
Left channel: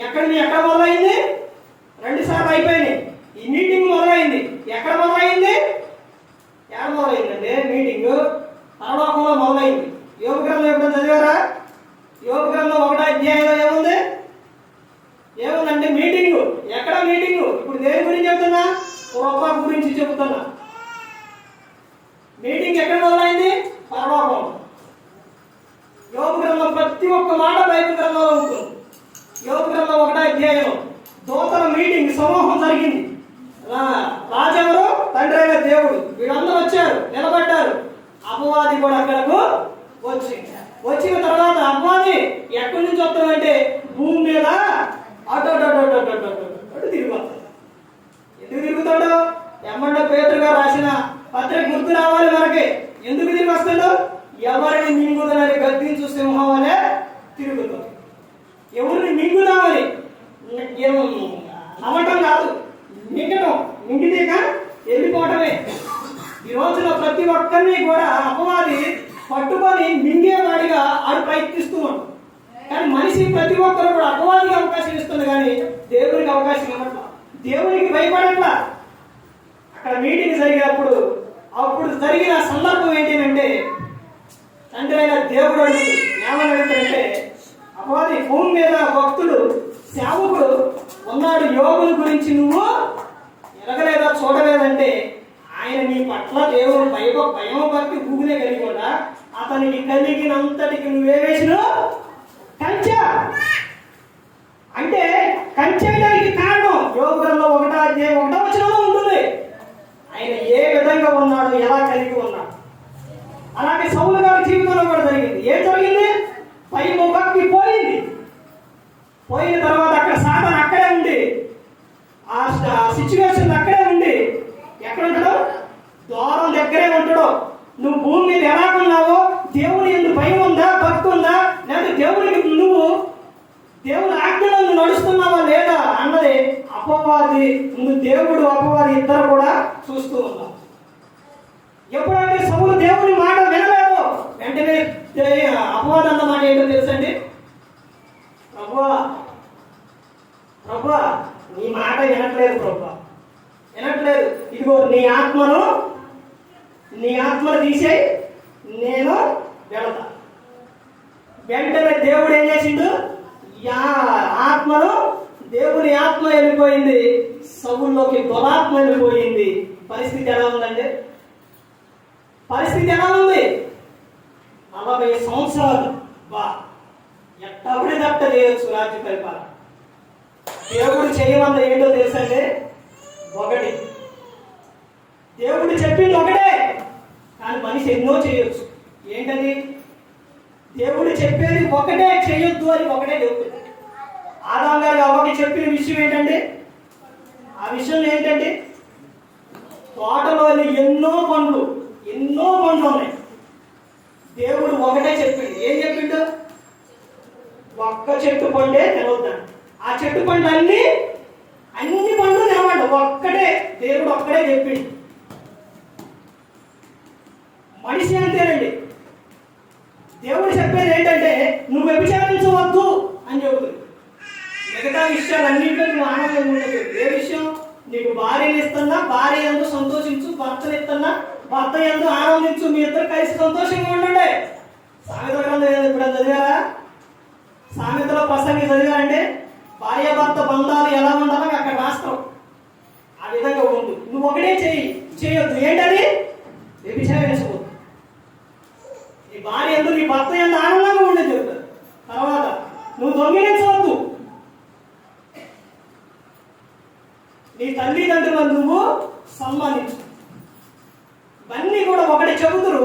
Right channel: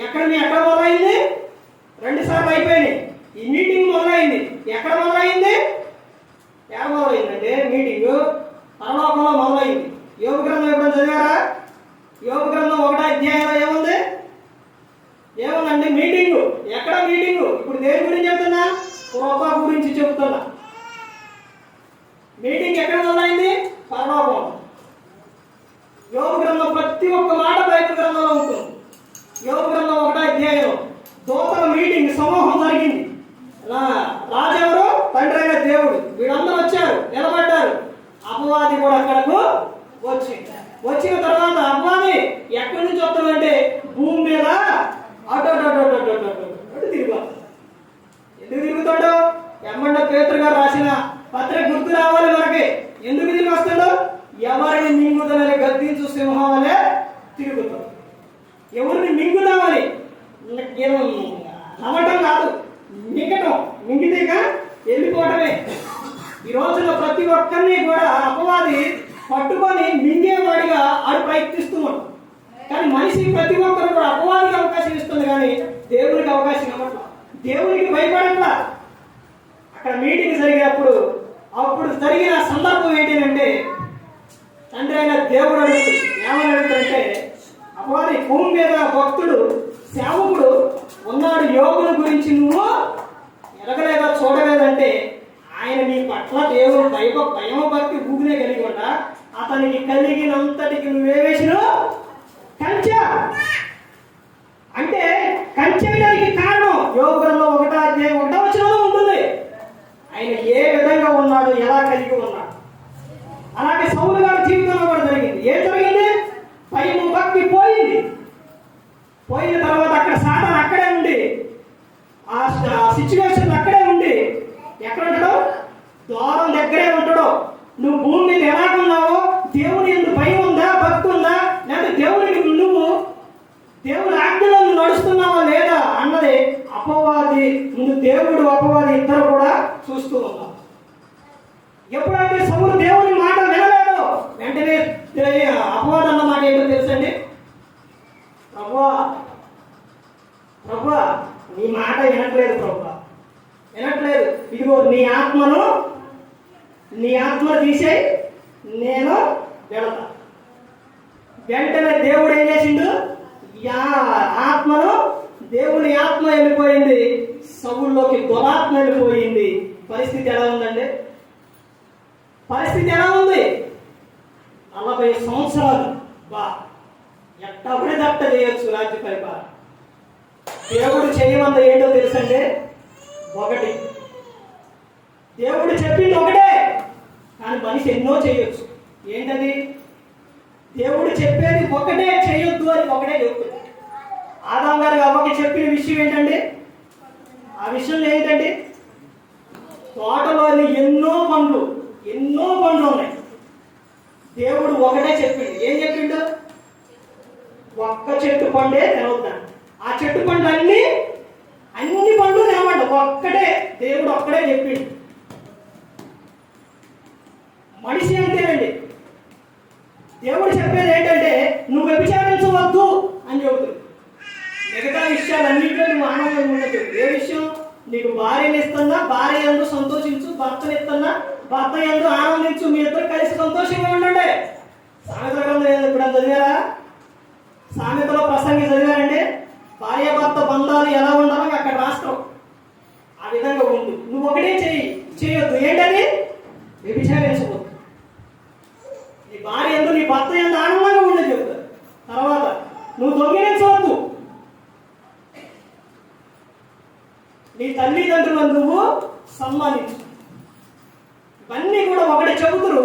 ఎక్కడ మొదలైంది? 2 సార్లు అయిపోయినాయి. ఈ మీటింగ్ మొదలైంది. ఎక్కడ మొదలైంది? మొదలైందంటే మీటింగ్ పరలోకంలో మొదలైంది. యోగ గ్రంథం ఎప్పుడైనా చదివారా? యోగ గ్రంథం 1వ అధ్యాయంలో ఏముందంటే మీటింగ్. ఎక్కడ మీటింగ్? ఇప్పుడు దేని గురించి చెప్తున్నా? కృప గురించి చెబుతున్నా. మీటింగ్ ఎక్కడ మొదలైంది? పరలోకం. యోగ గ్రంథం ప్రతి ఒక్క మాట బైబిల్ గ్రంథంలో ఉంటుంది. యోగ గ్రంథం 1వ అధ్యాయంలో దూతల మీటింగ్, సమూహం జరిగింది. రాజెవరు? తండ్రి అయిన దేవుడు. వీళ్ళందరూ వచ్చారు, నిలబడ్డారు. అపవాది కూడా అక్కడకు వచ్చిన తర్వాత అపవాది ఎక్కడి నుంచి వస్తామంటే భూమి మీద అటు తిరుగుతాడు. ఎందుకు తిరుగుతాడు? ఎమ్మండ పేతురు గారు రాసిన పత్రిక గుర్తు రావాలి మనకి. ఎందుకు తిరిగి వస్తాడు? ఎవరిని మింగుదనని గద్దించు సింహం అనే తిరుగుతాడు. ఎవరిని మింగుదామని, నమ్మటం కాదు, మింగితేగా వెళ్ళిపోవటమే. ఈ రోజున ప్రతి ఒక్కరిని కూడా అపవాది పట్టుకొని మింగేవాడిగా ఆడు ప్రయత్నిస్తున్నాడు. కానీ మనిషి ప్రతి ఒక్కరు కూడా అపవాదికి అవకాశం ఇస్తుంది, కానీ దేవునికి అవకాశం ఇవ్వట్లా. దేవునికి భయపడట్లా. అక్కడ మీటింగ్ జరిగినప్పుడు అప్పుడు జరిగిన సందర్భం ఏంటంటే, తండ్రి అయిన దేవుడు అడుగుతుంది. ఏమని అడుగుతుంటే, అపవాది భూమి మీద భక్తుడు సేవకుడు ఉన్నాడు, యోగుల గురించి నువ్వు ఎరగలేదా, చూడలేదంటే ఆయన నీ పట్ల దేవుడు భయం భక్తి భూమినే కలిగి ఉండా అతనికి కలిగినంతటికి నువ్వే వేసినావు కంచె. అంటే కంచెకి కారణం యోగ గ్రంథం 1వ అధ్యాయం 1వ వచనంలో ఉంటుంది. ఆయన ఏ విధంగా ఉన్నాడు, ఎలా కలిగి ఉన్నాడు. అలాగే సౌలు గారి జీవితంలో కూడా జరిగింది. ఏం జరిగింది? భయం భక్తి పోయిన తర్వాత అక్కడ సిచ్యువేషన్ అక్కడే ఉండి ఎక్కడ ఉంటాడో ద్వారం దగ్గరే ఉంటాడో. నువ్వు భూమి మీద ఎలాగున్నావో, దేవుని ఎందుకు భయం ఉందా, భక్తి ఉందా, లేకపోతే దేవునికి నువ్వు దేవుని ఆజ్ఞలో నువ్వు నడుస్తున్నావా లేదా అన్నది అపవాది, నువ్వు దేవుడు అపవాది ఇద్దరు కూడా చూస్తూ ఉన్నావు. ఎప్పుడైతే సౌలు దేవుని మాట వినలేదు, వెంటనే అపవాది అన్న మాట ఏంటో తెలుసండి, ప్రభువా ప్రభువా నీ మాట వినట్లేదు ప్రభువా, వినట్లేదు, ఇదిగో నీ ఆత్మను తీసేయి, నేను వెళతా. వెంటనే దేవుడు ఏం చేసిండు, దేవుని ఆత్మ వెళ్ళిపోయింది, సౌలులోకి దురాత్మ వెళ్ళిపోయింది. పరిస్థితి ఎలా ఉందండి, పరిస్థితి ఎలా ఉంది? 40 సంవత్సరాలు ఎట్టబడి దట్ట చేయొచ్చు రాజ్య పరిపాలన. దేవుడు చేయమంది ఏంటో తెలుసండి, ఒకటి. దేవుడు చెప్పింది ఒకటే, కానీ మనిషి ఎన్నో చేయొచ్చు. ఏంటది? దేవుడు చెప్పేది ఒకటే చేయొద్దు అని ఒకటే చెప్తుంది. ఆదాం గారికి అవ్వకి చెప్పిన విషయం ఏంటండి, ఆ విషయం ఏంటండి, తోటలోని ఎన్నో పండ్లు ఉన్నాయి. దేవుడు ఒకటే చెప్పిండు. ఏం చెప్పిండు? ఒక్క చెట్టు పండే తినవద్దాను. ఆ చెట్టు పండు అన్ని పండ్లు తినమంట, ఒక్కటే దేవుడు ఒక్కడే చెప్పిండు. మనిషి అంతేనండి. దేవుడు చెప్పేది ఏంటంటే నువ్వు వ్యభిచారించవద్దు అని చెబుతుంది. మిగతా విషయాలన్నింటిలో నువ్వు ఆనందంగా ఉండదు. ఏ విషయం? నీకు భార్యను ఇస్తున్నా, భార్య యందు సంతోషించు, భర్తను ఇస్తున్నా, భర్త యందు ఆనందించు, మీ ఇద్దరు కలిసి సంతోషంగా ఉండండి. సామెతల గ్రంథం ఇప్పుడు చదివారా? సామెతలో ప్రసంగి చదివారంటే భార్య భర్త బంధాలు ఎలా ఉండాలో అక్కడ రాస్తాం. ఆ విధంగా ఉండు. నువ్వు ఒకటే చేయొద్దు. ఏంటది? వ్యభిచారించవద్దు. నీ భార్య యందు, నీ భర్త యందు ఆనందంగా ఉండదు చెప్తారు. తర్వాత నువ్వు దొంగిలించవద్దు. నీ తల్లిదండ్రులను నువ్వు సన్మానించు. ఇవన్నీ కూడా ఒకటి చెబుతురు.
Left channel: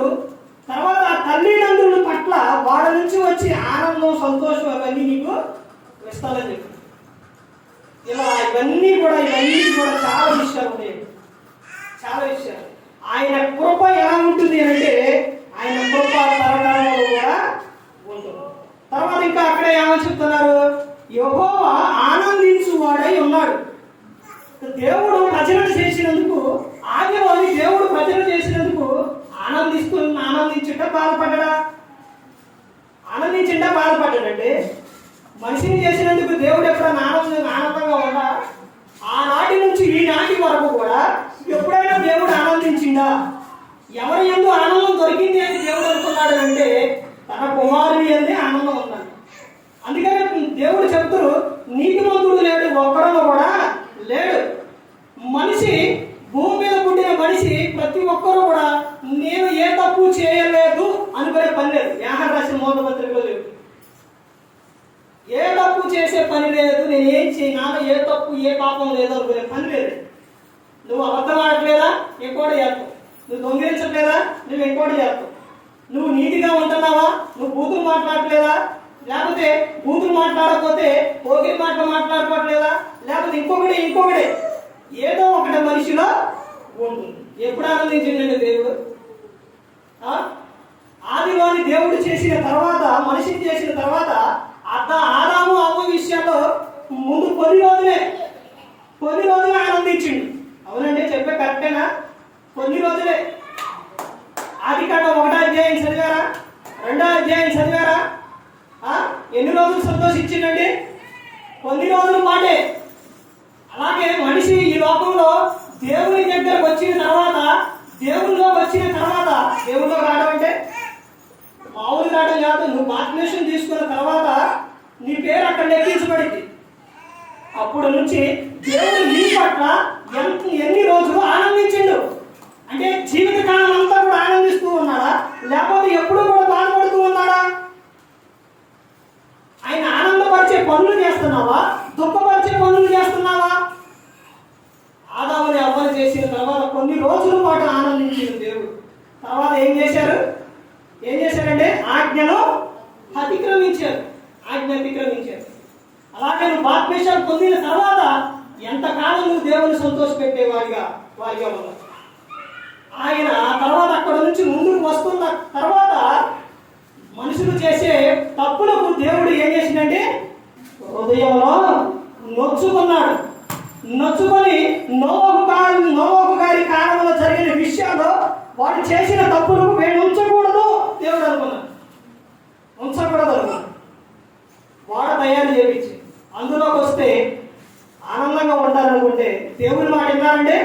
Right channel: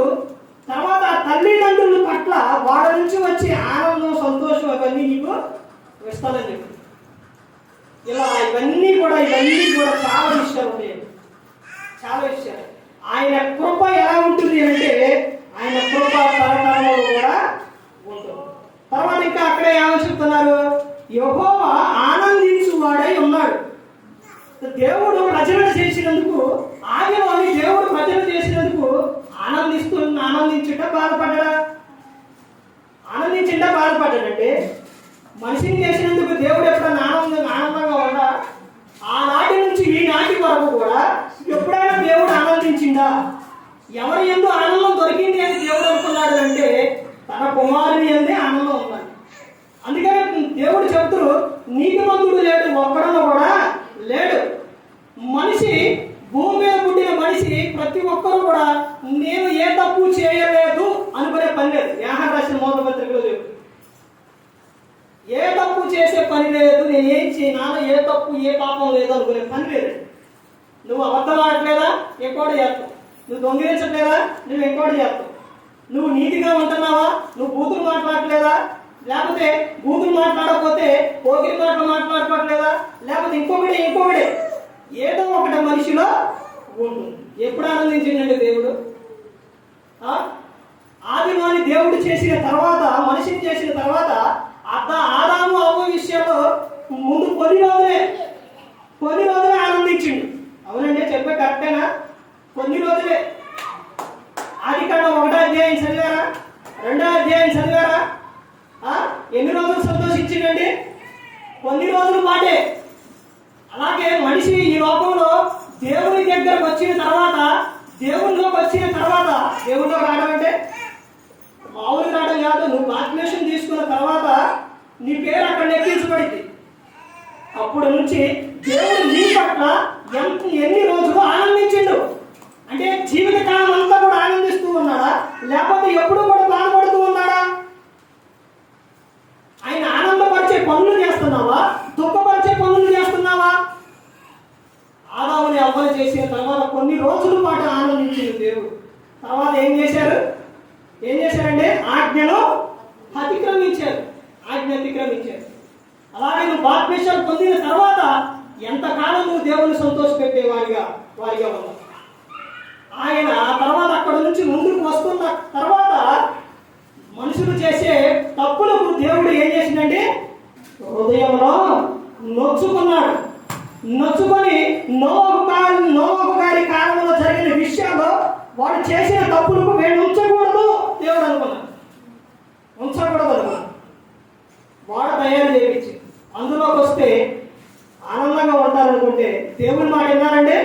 తర్వాత ఆ తల్లిదండ్రుల పట్ల వాళ్ళ నుంచి వచ్చే ఆనందం, సంతోషం అవన్నీ నీకు ఇస్తానని చెప్పు. ఇలా ఇవన్నీ కూడా చాలా విషయాలు ఉన్నాయి, చాలా విషయాలు. ఆయన కృప ఎలా ఉంటుంది అంటే ఆయన కృప తరకాలంలో కూడా ఉంటుంది. తర్వాత ఇంకా అక్కడే ఏమని చెప్తున్నారు, యెహోవా ఆనందించువాడై ఉన్నాడు. దేవుడు రచన చేసినందుకు, ఆదిలోని దేవుడు రచన చేసినందుకు ఆనందించుట బాధపడ్డా? ఆనందించిండా బాధపడ్డాడంటే మనిషిని చేసినందుకు దేవుడు ఎప్పుడైనా ఆనందంగా ఉందా? ఆనాటి నుంచి ఈనాటి వరకు కూడా ఎప్పుడైనా దేవుడు ఆనందించిందా? ఎవరి యందు ఆనందం దొరికింది అని దేవుడు అనుకున్నాడు అంటే తన కుమారుని యందే ఆనందం ఉందని. అందుకని దేవుడు చెప్తూ నీతిమంతుడు లేడు, ఒక్కడలో కూడా లేడు. మనిషి, భూమి మీద పుట్టిన మనిషి ప్రతి ఒక్కరు కూడా నేను ఏ తప్పు చేయలేదు అనుకునే పని లేదు. యాహన్ రాసిన మొదటి పత్రికలో లేదు, ఏ తప్పు చేసే పని లేదు, నేను ఏం నాలో ఏ తప్పు ఏ పాపం లేదు అనుకునే పని లేదు. నువ్వు అబద్ధం ఆడట్లేదా? ఇంకోటి చేస్తావు. నువ్వు దొంగిలించట్లేదా? నువ్వు ఇంకోటి చేస్తావు. నువ్వు నీతిగా ఉంటున్నావా? నువ్వు బూతులు మాట్లాడట్లేదా? లేకపోతే బూతులు మాట్లాడకపోతే పోగిరి మాటలు మాట్లాడుకోవట్లేదా? లేకపోతే ఇంకొకటి ఏదో ఒకటి మనిషిలో ఉంటుంది. ఎప్పుడు ఆనందించిందండి దేవుడు? ఆదిలోని దేవుడు చేసిన తర్వాత, మనిషిని చేసిన తర్వాత ఆదాము అవ్వ విషయంలో ముందు కొన్ని రోజులే ఆనందించిండు. అవునండి, చెప్పే కరెక్టేనా? కొన్ని రోజులే. ఆదికాండం 1వ అధ్యాయం చదివారా? 2వ అధ్యాయం చదివారా? ఎన్ని రోజులు సంతోషించిందండి? కొన్ని రోజులు పాటే. అలాగే మనిషి ఈ లోకంలో దేవుని దగ్గరకు వచ్చిన తర్వాత, దేవునిలో రావడం అంటే మామూలు రావడం కాదు. నువ్వు బాప్టిజం తీసుకున్న తర్వాత నీ పేరు అక్కడ లెక్కించబడింది. అప్పుడు నుంచి దేవుడు నీ పట్ల ఎన్ని రోజులు ఆనందించిండు అంటే జీవితకాలం అంతా కూడా ఆనందిస్తూ ఉన్నాడా? లేకపోతే ఎప్పుడు కూడా బాధపడుతూ ఉన్నాడా? ఆయన ఆనందపరిచే పనులు చేస్తున్నావా? దుఃఖపరిచే పనులు చేస్తున్నావా? ఆదాముని అవ్వలు చేసిన తర్వాత కొన్ని రోజుల పాటు ఆనందించింది దేవుడు. తర్వాత ఏం చేశారంటే ఆజ్ఞను అతిక్రమించారు. అలాగే నువ్వు బాప్టిజం పొందిన తర్వాత ఎంతకాలం నువ్వు దేవుని సంతోషపెట్టే వారిగా ఉన్నావు. ఆయన తర్వాత అక్కడ నుంచి ముందుకు వస్తున్న తర్వాత మనుషులు చేసే తప్పులకు దేవుడు ఏం చేసిందంటే హృదయంలో నొచ్చుకున్నాడు. నొచ్చుకొని నోవహు గారి కాలంలో జరిగిన విషయాల్లో వాడు చేసిన తప్పులకు వీళ్ళు ఉంచకూడదు దేవుడు అనుకున్నాడు. ఉంచకూడదు అనుకున్నాడు. వాడ తయారు చేయించి అందులోకి వస్తే ఆనందంగా ఉంటారనుకుంటే దేవుని మాట విన్నారంటే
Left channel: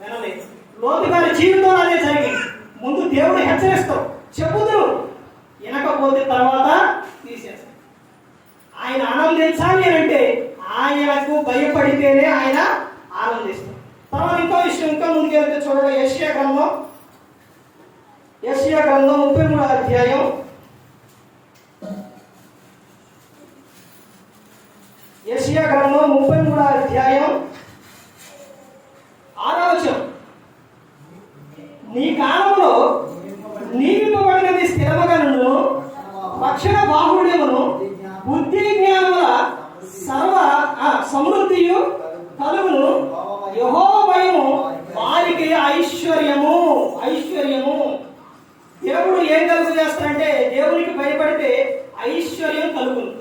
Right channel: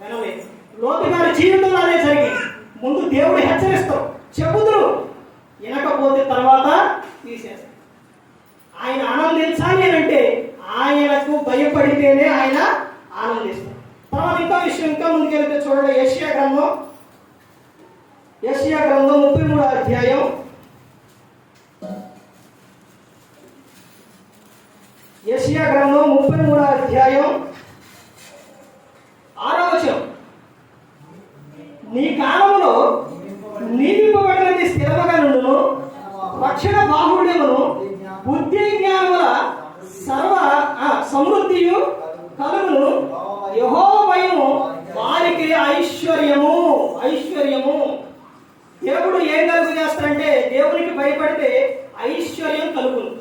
వినలేదు. లోతు గారి జీవితంలో అదే జరిగింది. ముందు దేవుడు హెచ్చరిస్తాడు, చెబుతురు, వినకపోతే తర్వాత తీసేస్తాడు. ఆయన ఆనందించాలి అంటే ఆయనకు భయపడితేనే ఆయన ఆనందిస్తాడు. తర్వాత ఇంకో విషయం, ఇంకా ముందుకెళ్తే చూడండి, యెషయా గ్రంథం 33వ అధ్యాయం 6వ వచనం. నీ కాలంలో నియమింపబడినది స్థిరముగా నుండును, రక్షణ బాహుళ్యమును బుద్ధి జ్ఞానముల సర్వ సమృద్ధియు కలుగును. యెహోవా భయము వారికి ఐశ్వర్యము. దేవుడు ఏం కలుగు చేస్తాడంటే దేవునికి భయపడితే ఐశ్వర్యం కలుగును.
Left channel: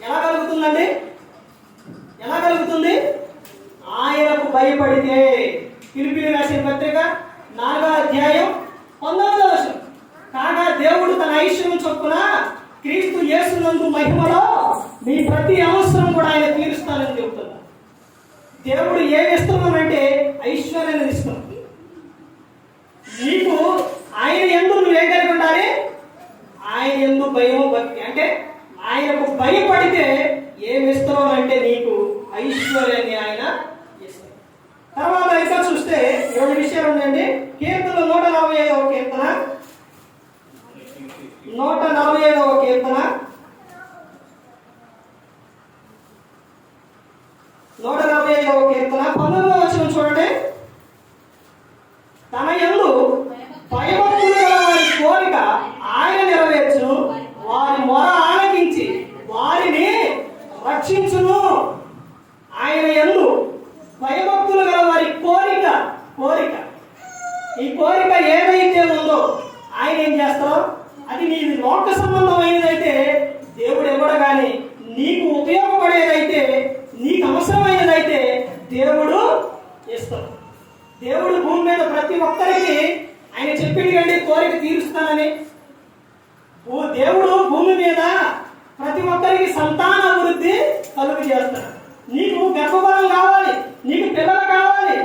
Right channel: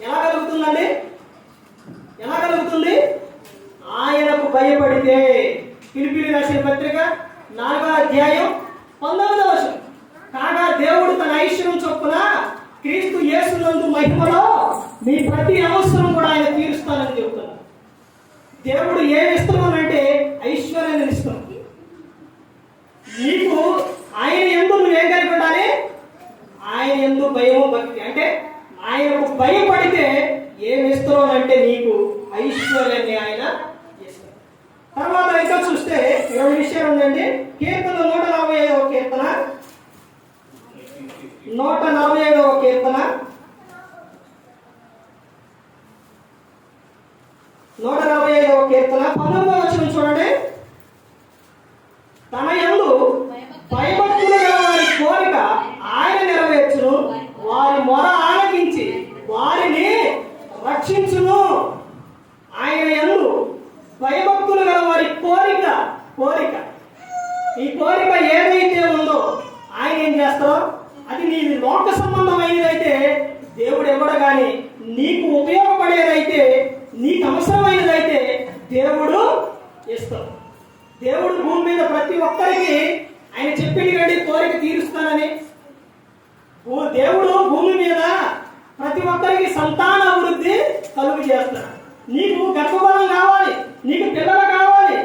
ఎలా కలుగుతుందండి? ఎలా కలుగుతుంది? ఆయనకు భయపడితే. ఫిలిప్పీయులకు రాసిన పత్రిక 4వ అధ్యాయం 19వ వచనం. కాగా దేవుడు తన ఐశ్వర్యం చొప్పున క్రీస్తు యేసునందు మహిమలో మీ ప్రతి అవసరం కూడా ఆయన తీరుస్తానని చెబుతున్నాడు. దేవుడు ఏమి ఇస్తున్నానంటే ఐశ్వర్యాన్ని ఇస్తున్నాడు. నీకు ఆయన యందు నువ్వేం కలిగి ఉండాలి? ఆయన యందు భయము భక్తి. అంటే ఆయనకు భయపడితే ఏమి ఇస్తున్నానంటే నీకు ఐశ్వర్యాన్ని ఆయన ఇస్తాడు. తర్వాత ఇంకా చూస్తే 2 విషయాలు ఉందండి. కీర్తన 145వ కీర్తన 145వ కీర్తన 19వ వచనం చూడండి. తన యందు భయభక్తులు గల వారి కోరిక ఆయన నెరవేర్చును, వారి మొర ఆలకించి వారిని రక్షించును. ఆయన యందు భయభక్తులు గల వారి కోరిక. ఈ కోరిక ఏదైతే ఉందో ఆయన ఏం చేస్తావు? అది నీ లోక సంబంధమైనదైతే దేవుడు ఇవ్వడు, కానీ నీకు ఉపయోగపడేదైతే, నీకు అవసరమైనదైతే దేవుడు ఇస్తాడు. దేవుడు భూమి మీద ప్రతి ఒక్కరికి ఆయన చెప్పింది కండి కోరిక తీరుస్తానని. దేవుడు భూమి మీద ప్రతి ఒక్కరికి సంతాన అభివృద్ధి కలుగు చేస్తాడు. నీకు గర్భఫలం కావాలి, నీకు పిల్లలు కావాలి,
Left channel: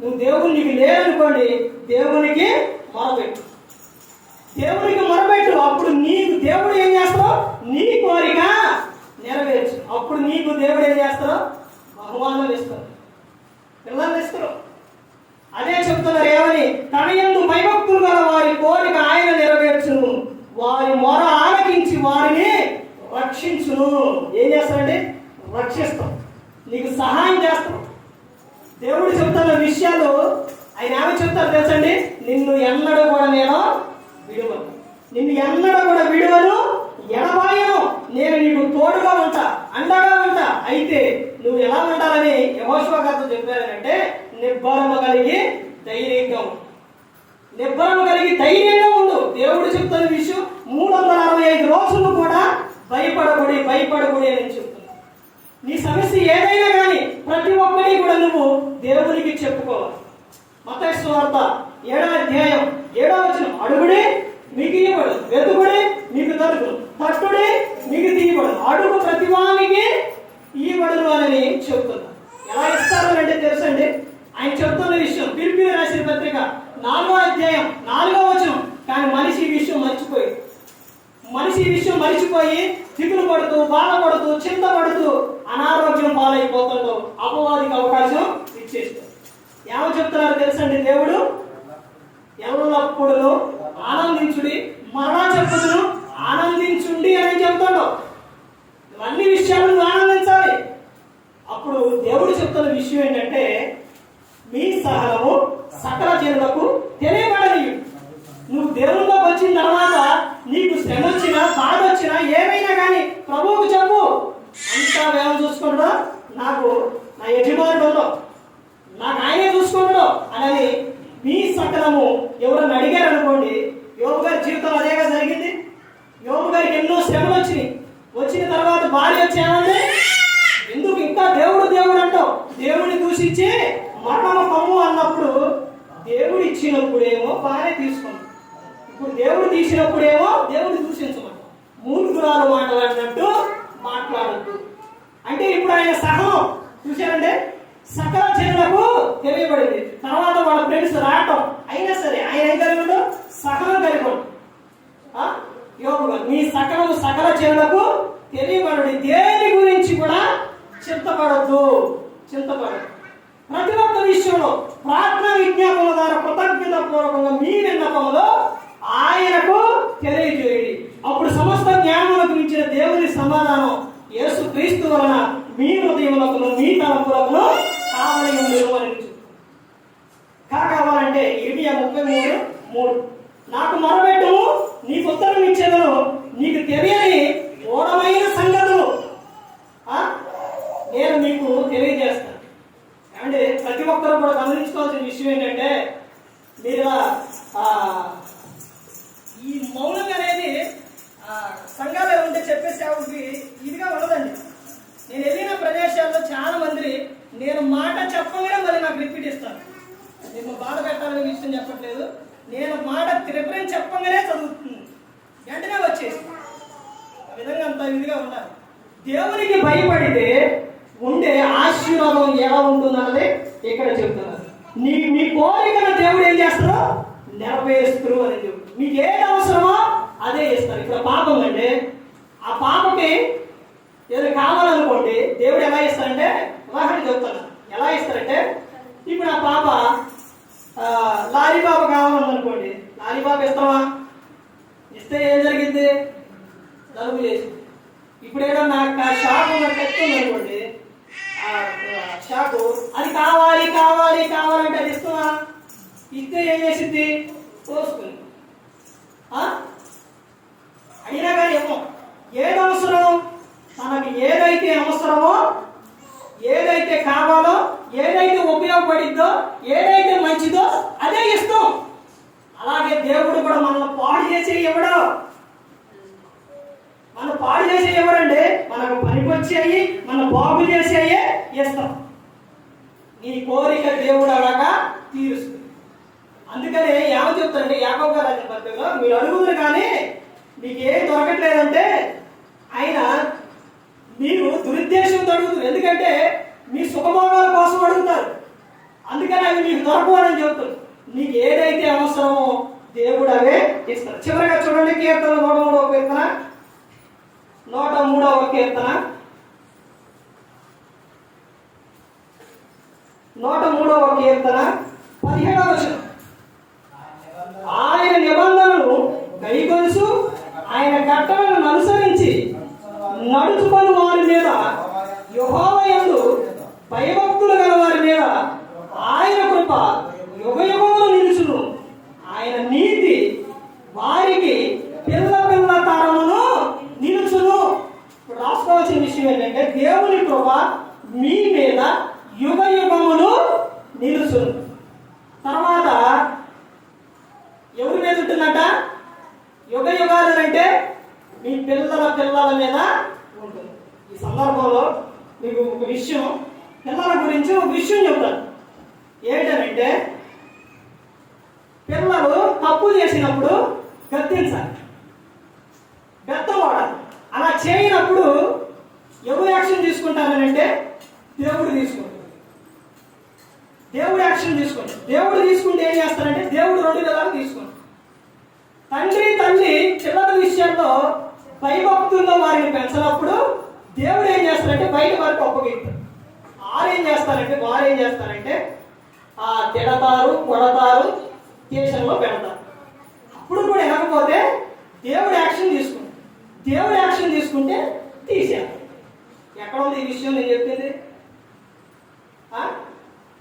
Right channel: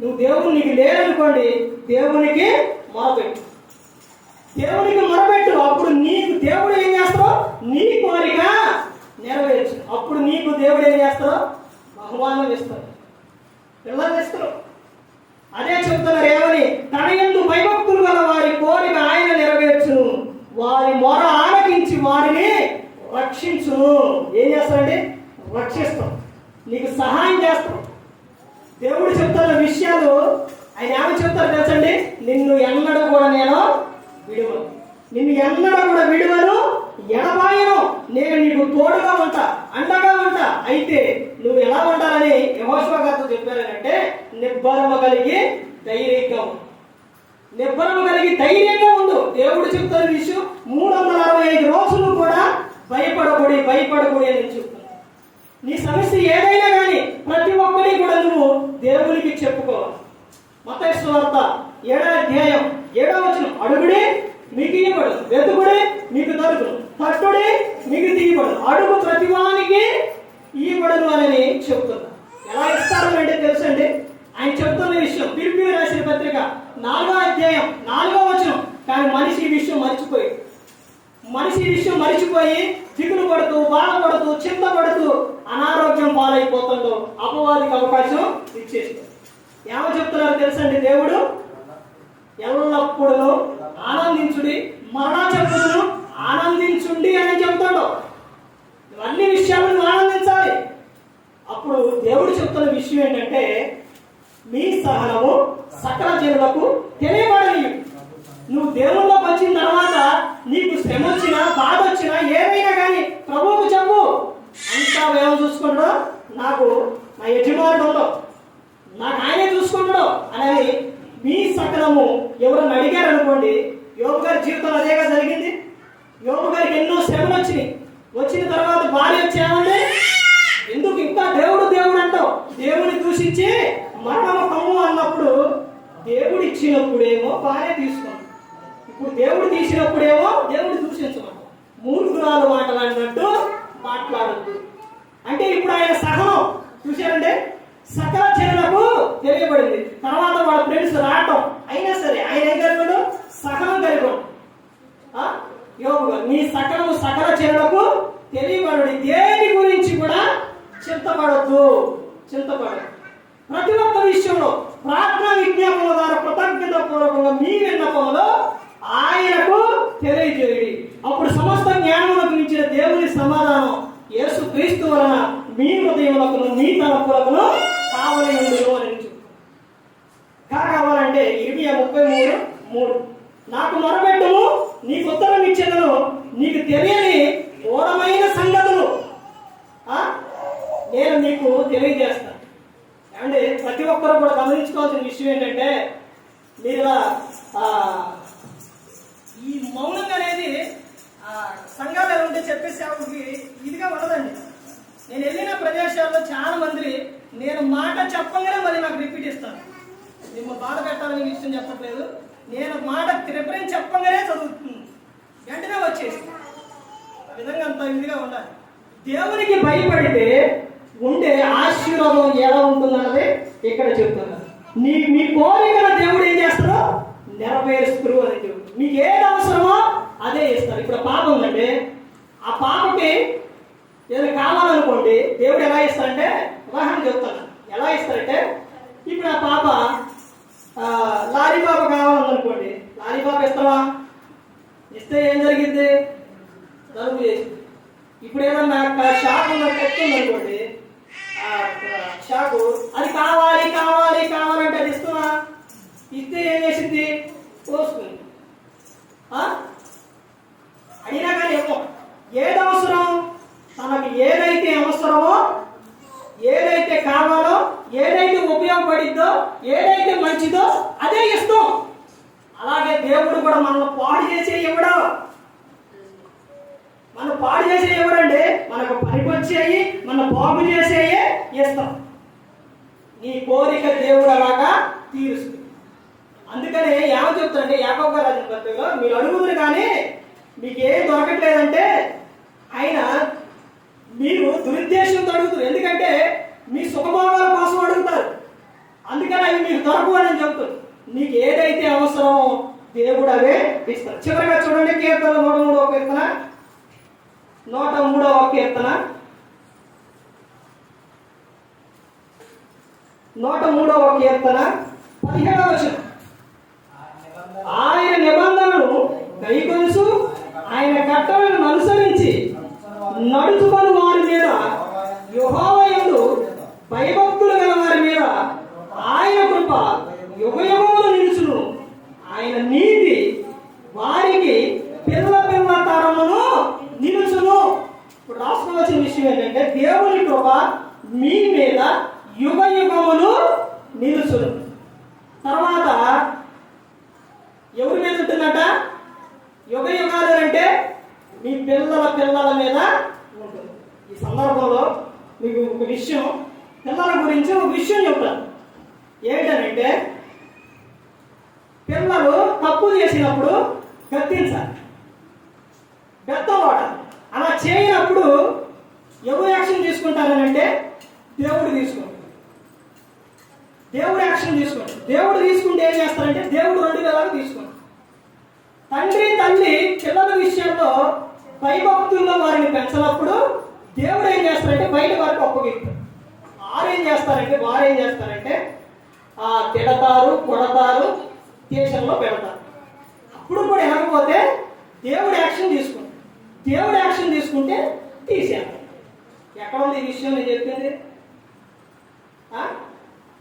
నువ్వు దేవుడు నీకు లేదనుకోండి, దేవునికి మొరపెట్టు. అప్పుడు నీకు దేవుడు ఏం చేస్తావు? నీ కోరిక నెరవేర్చు. అప్పుడు నీకు దేవుడు ఏం చేస్తావు? బహుమానం ఇస్తాడు, పిల్లలు ఇస్తారు. అదే చెప్తున్నారు ఏమని? తన యందు భయభక్తులు గల వారి కోరిక ఆయన నెరవేర్చును, వారి మొర ఆలకించి వారిని రక్షించును. ఏం చేస్తాడండి? రక్షిస్తాం, నీకు సహాయం చేస్తాం. దేవుడు చెప్తున్న విషయాలు ఆయన ఏమని చెప్తారు తెలుసండి? నిన్ను ఎన్నడూ కూడా నేను విడువను, ఎడబాయను, నేను నీకు తోడుగా ఉంటా, అండగా ఉంటా. అయితే నువ్వు ఎలా ఉండాలని యెహోషువ గారితో చెప్పారంటే నిబ్బరము కలిగి ధైర్యంగా ఉండు. దేవుడు చెప్తున్న విషయం 365 రోజులు కూడా భయపడకూడి అని చెప్తున్నాను. నీ సమస్య ఏదైనా కానీ ప్రతి ఒక్కటి కూడా నువ్వు దేవునికి చెప్పుకోవాలి. మత్తయి సువార్త 7వ అధ్యాయం 7వ వచనం. అడుగుడి మీకు ఇవ్వబడును, వెతుకుడి మీకు దొరుకును, తట్టుడి మీకు తీయబడును, అడుగు ప్రతివానికి ఇవ్వబడును అని చెబుతున్నా. ఎలా ఇస్తారు అంటే తెలుసండి? ఆయన చెప్తున్న విషయం ఫిలిప్పీయులకు రాసిన పత్రిక 4వ అధ్యాయం 4వ వచనం. కానీ మనిషి ఈ విషయం మరిచిపోయి దిగులు పడుతూ, బాధపడుతూ, చింతపడుతూ అనారోగ్యం పాలైపోతుండో అపవాదికి అవకాశం ఇచ్చేస్తాడు. ఏమో చెప్తున్నారు తెలుసండి? దేవుడు ఎల్లప్పుడూ ఆనందించుడి, మరలా చెప్పుదును ఆనందించుండి అని చెప్తాడు. అన్ని విషయాలను నువ్వు ఆనందించాలి. అప్పుడు దేవుడు చెప్తున్న విషయం ఏంటంటే మీ సహనము సకల జనులకు తెలియబడని. నువ్వు దేవుళ్ళలోకి వచ్చిన తర్వాత నీకు శ్రమ వచ్చినా, బాధ వచ్చినా, ఏమైనా కానీ ప్రభువుకు చెప్పు. వచ్చిన తర్వాత భార్య వచ్చేమంది, ఎందుకు ఇంకా దేవుడు దేవుడు అంటావు? దేవుడిని దూషించి మరణము కమ్ము అన్నప్పుడు దేవుడు ఇచ్చినప్పుడేమో భార్య తీసుకున్నాం, ఇప్పుడు దేవుడు తీసినప్పుడేమో దేవుడు దూషించమంటాం. మూర్ఖురాలు మాట్లాడినట్టు మాట్లాడద్దు అంటే ఇప్పుడు ఆయన సహనం చూశారంటే సకల జనులకు తెలియబడింది. తర్వాత వాళ్ళ ఫ్రెండ్స్ రావటం అయినా సరే ఆయన ఏం కలిగాడు? సహనం కలిగాడు. యోగు నీ సకలము సకల జనులకు తెలియబడి దేని గురించి కూడా చింతపడద్దు. ప్రతి ఒక్క విషయంలో ప్రార్థన విజ్ఞాపన ద్వారా కృతజ్ఞత పూర్వకంగా మీ విన్నపంలో ఆయనకు తెలియజేయండి. అప్పుడు సమస్త జ్ఞానములకు మించిన దేవుని సమాధానం యేసు క్రీస్తు వలన మీ హృదయములకు మీ తలంపులకు కావలి ఉండదు అని కావాలంటే ఇర్మియా 33:3 నాకు మొరపెట్టుము, నీకు ఉత్తరం ఇచ్చేదను, నీకు తెలియని ఘోరమైన సంగతులు నేను మీకు తెలియజేస్తాను. ఏమంటే ప్రతి ఒక్కరు కూడా గమనించుకోవాల్సిన విషయం ఏంటంటే మీరు ఈ మౌనంగా అనేది సంఘాలు ఎలా ఉంటే చెప్పే సేవకి ఇదిగా ఉండదండి. నేను వెళ్ళిన ప్రదేశాల్లో చాలా మంది నేను మాట చెప్పగానే మళ్ళీ నాకు రిపీట్ ఇస్తాను. మేము బాధ పెట్టాలని విషయం చెప్పట్లేదు, నేను మాట రిఫరెన్స్ చెప్పగానే చదువుతుంది, వెంటనే వచ్చేసి ఆ విధంగా అంత ఇదిగా ఉండాలి. దేవునికి భయపడితే ఉండే ఆశీర్వాదం ఎలా ఉంటుందన్నది ఇక్కడ చెప్తున్నారు. మీ కోరికను దేవుడు ఏం చేస్తారో నెరవేరుస్తారు అని చెప్తారు. మీకు ఏది అవసరమో అదే ఇస్తారు. ఇప్పుడు పాప ఉందంటే ఆ పాపకి ఏదో కావాలనుకోండి, దేవుడు ఎలా ఇస్తారంటే ఉదాహరణ చెప్తాను. ఎలా ఇస్తారంటే ఇప్పుడు ఆ పాప లారీ బాబు కావాలనుకోండి, లారీ బాబు ఇస్తావా? ఇస్తే ఏం జరిగింది? తలుపు చేసింది. ఇప్పుడు ఏదన్నా షాపు పెట్టుకుందనుకోండి, షాపు అది కావాలి కావాలి కావాలంటే అది ఇస్తున్నా? ఇస్తే ఏం చేసింది? తోసుకుంది. అడిగినా కానీ ఏమో ఏది అవసరం, తనకి ఏదైతే అవసరమో, ఏదైతే కావాలో, ఏదైతే ఉపయోగపడిద్దో, ఏదైతే మంచిదో అదే ఇస్తాం. అలాగే దేవుడు కూడా మనల్ని పాడు చేసే ఇవ్వడు. మనం పాడు చేసే ఎవరండి? మనకు పనికొచ్చేయి, మన బాగు చేసేయే ఇస్తాం. నీ కోరిక దేవుడు అలాగా తీరుస్తుంది. అందుకనే ఏమో చెప్తారంటే యాకోబు గారు రాసిన పత్రికలో, మీరు అడుగుతున్నారు కానీ మీకు ఏం దొరకట్లేదంటే ఆయన మీరు దురుద్దేశంతో అడుగుతున్నారు. ఎందుకంటే మీ సుఖభోగాల కోసం అడుగుతారు, అందుకని అవి మీకు దొరకవని చెబుతారు. మీకు ఏదైతే అవసరమో దేవుడు అవే ఇస్తారు. చివరిగా చూడండి, కీర్తన 103వ కీర్తన 103వ కీర్తన 103వ కీర్తన 17వ వచనం. ఆయన నిబంధనలు గైకొలుసు, ఆయన కట్టలను అనుసరించి నడుచుకొని వారి మీద, యెహోవా యందు భయభక్తులు గల వారి మీద ఆయన కృప యుగయుగములు నిలుచును. ఆయన నీతి వారికి పిల్ల పిల్ల తరమును నిలుచును. ఇప్పుడు రాసుకోవాల్సిన విషయం ఏంటంటే దేవుని కృప మీ మీద యుగ యుగములు నిలుచును. తర్వాత ఎవరి మీద ఉంటుందట? యుగ యుగాలు అంటే మీ పిల్లల పిల్లల మీద ఉంటుంది. ఈ సందర్భంలో మీకు ఒక విషయం, పిల్లల గురించి ఒక విషయం చెప్తాను. ఏంటంటే పిల్లలు తప్పు చేసినప్పుడు గద్దించాలి, బెత్తం వాడాలి. అలా చేయనప్పుడు ఎవరు యాక్షన్ తీసుకుంటారని అంటే దేవుడు తీసుకుంటాడు. దేవుడు యాక్షన్ తీసుకుంటాడు. దేవుడు తీసుకుంటే ఏం చేస్తారంటే దేవుడు 2 విధాలు తీసుకుంటాడు. తండ్రి పిల్లల విషయంలో భయభక్తుల్లో వారిని పెంచినప్పుడు దేవుడు ఏం చేస్తారంటే బయట వారికి అప్పగిస్తాడు. వారు ఏం చేస్తారంటే తిడతారు, కొడతారు, దేశంలో పెడతారు. అప్పుడు కూడా వినకపోతే దేవుడు యాక్షన్ తీసుకుంటాడు. దేవుడు యాక్షన్ తీసుకుంటే తీసేయాలి. ఎక్కడ ఉంది ఈ విషయం నేను చెప్పింది?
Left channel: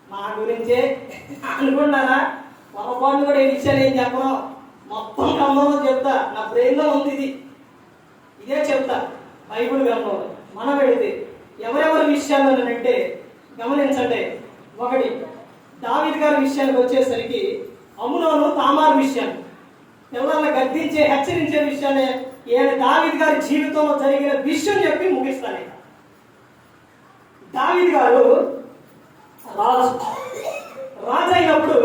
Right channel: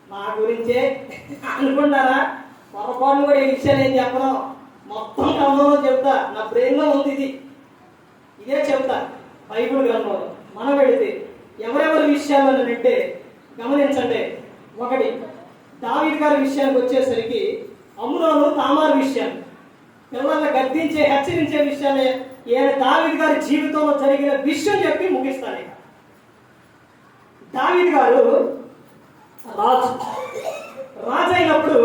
నా గురించే అనుకున్నారా? పొరపాటు కూడా ఈ విషయాలు ఏం చెప్పడం, మొత్తం గ్రంథంలో చెప్తా. నా బ్రెయిన్లో ఉంది ఇదే చెప్తా. బైబిల్ గ్రంథంలో మనం పెడితే ఎవరెవరి విషయాలు అంటే గమనించండి. 1 దావీదు గారి విషయానికి వచ్చేసరికి అమ్నోను తామారు విషయాలు, పిల్లల్ని గద్దించే హెచ్చరించే విషయాన్ని దావీదు గారి జీవితంలో జరిగిన విషయం చెప్పి ముగిస్తాను. దావీదు గారు రాజు అయినప్పుడు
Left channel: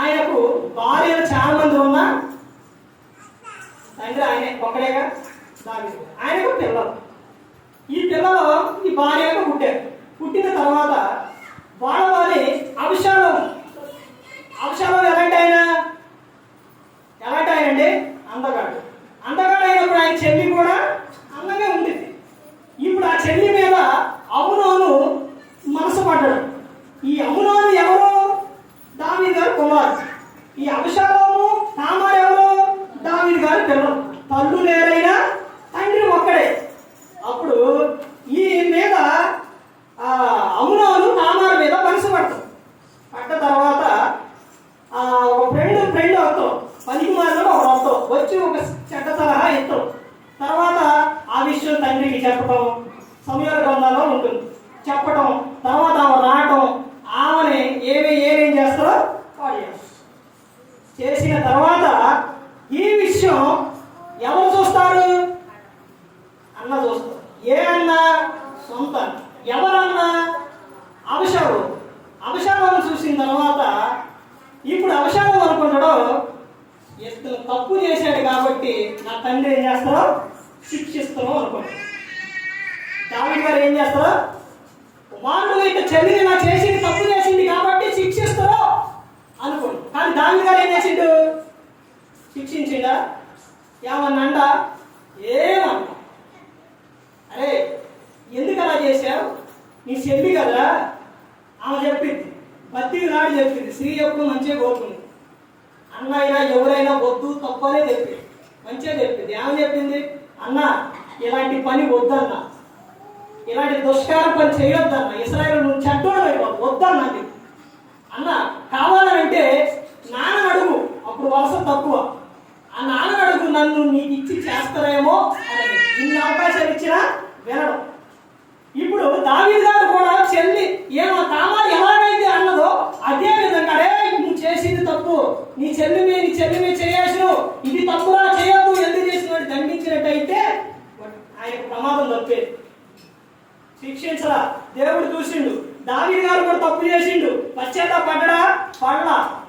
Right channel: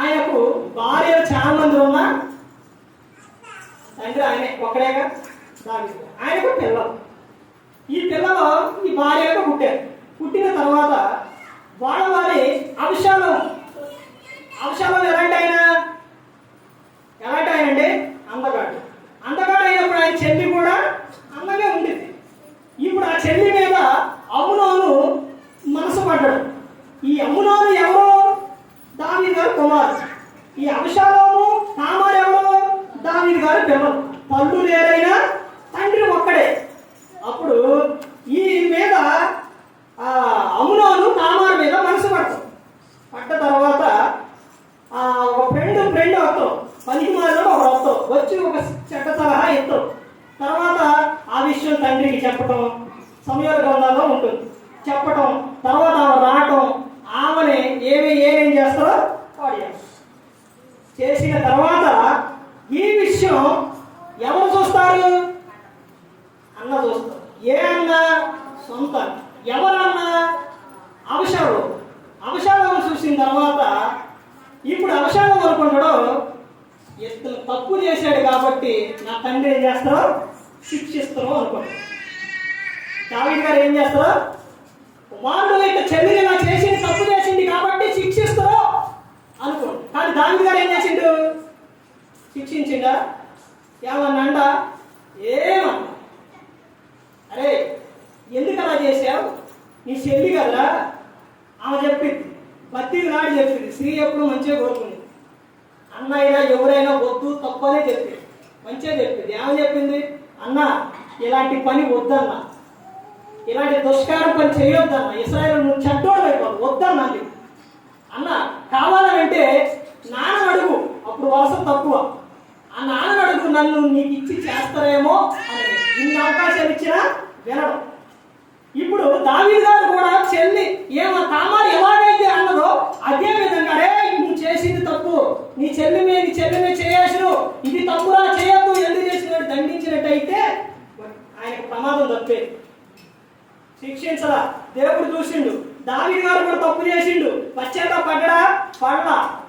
ఆయనకు భార్యలు చాలా మంది ఉన్నా తండ్రి ఆయన ఒక్కడేగా దావీదు. ఆయనకు పిల్లలు, ఈ పిల్లలు ఈ భార్యగా పుట్టారు. పుట్టిన తర్వాత వాళ్ళని అభిషాలం ఎలాంటి ఆయన అంటే అందగాడు అయినప్పుడు ఆయన చెల్లి కూడా అందంగా ఉండేది. ఇప్పుడు ఆ చెల్లి మీద అమ్నోను మనసు పడ్డాడు. ఈ అమ్నోను ఎవరు? దావీదు గారు కుమారు. ఈ అభిషాలోము తామారు ఎవరు? దావీదు గారు పిల్లలు. తల్లు లేరైనా తండ్రి ఒక్కడే. అప్పుడు ఈ మీద అమ్నోను తామారు మీద మనసు పడ్డ తర్వాత ఒక ఫ్రెండ్ వస్తాం, పనికి మాత్రం ఒక వస్తాం వచ్చి ఒక చెడ్డ సలహా ఇస్తాం. తర్వాత ఆ విషయం తండ్రికి చెప్పటం సమయాల గ్రంథాల్లో ఉంటుంది. చెప్పటం తర్వాత ఆమె రావటం, ఆమెని ఏమేం చేస్తారో వాడు చేసిన తర్వాత ఈ విషయం ఎవరు చూస్తారు? అన్న చూస్తారు. ఏ అన్న? సొంత. ఎవరన్నా? అభిషాలం చూసిన తర్వాత ఇప్పుడు అభిషాలం అనుకుంటాడో ఇతను తప్పు చేశాడు కాబట్టి నా తండ్రి ఏం చేస్తారో శిక్షిస్తారో అనుకుంటాడు. దావీదు గారు ఏం చేస్తారో వాళ్ళు ఇక చెల్లిని మా చేసింది తప్పు చేసింది కాబట్టి శిక్షిస్తారో అనుకోండి. కానీ దావీదు గారు ఏం చేసిండు? శిక్షించిండా? ఏమన్నా? ఏమన్నా? అరే ఎందుకు అలా చేశావు? నీ చెల్లి కదా, ఆమె చెప్పింది, బత్తి నాడు చెప్పింది, స్త్రీ ఎప్పుడు మంచిగా కోరుకుంది. అన్నయ్య ఎవరైనా వద్దు తప్పనే చెప్పింది, మంచిగా చెప్పింది. ఏమని చెప్పింది? అన్న ఇలాంటి పని వద్దన్నా, ఇలాంటి దుష్కారం పని చేయొద్దన్న, ఇశ్రాయేలు నువ్వు చెడ్డోడు వద్దన్నది. అన్న కావాలంటే నాన్న అడుగు, అప్పుడు వలస తక్కువ. ఆ నాన్న అడుగు, నన్ను నీకు ఇచ్చి చేస్తారేమో అని. ఇన్ని అవకాశాలు ఇచ్చినా వినడం. ఇప్పుడు దావీదు గారు కూడా చెల్లి తామారు ఎలాగైతే అన్నదో అదే విధంగా అరే నువ్వు చేసింది తప్పు, నీ చెల్లి మీద చేయాల్సిన ఇది తప్పురా చేయదు ఎందుకు చేసినట్టు దండించినట్టయితే ఆయనకు ప్రమాదం తప్పేది. శిక్షించరా దేవుడు చూసిండు. దావీదు గారు కూడా తప్పు చేసిండు, పశ్చాత్తాపడ్డా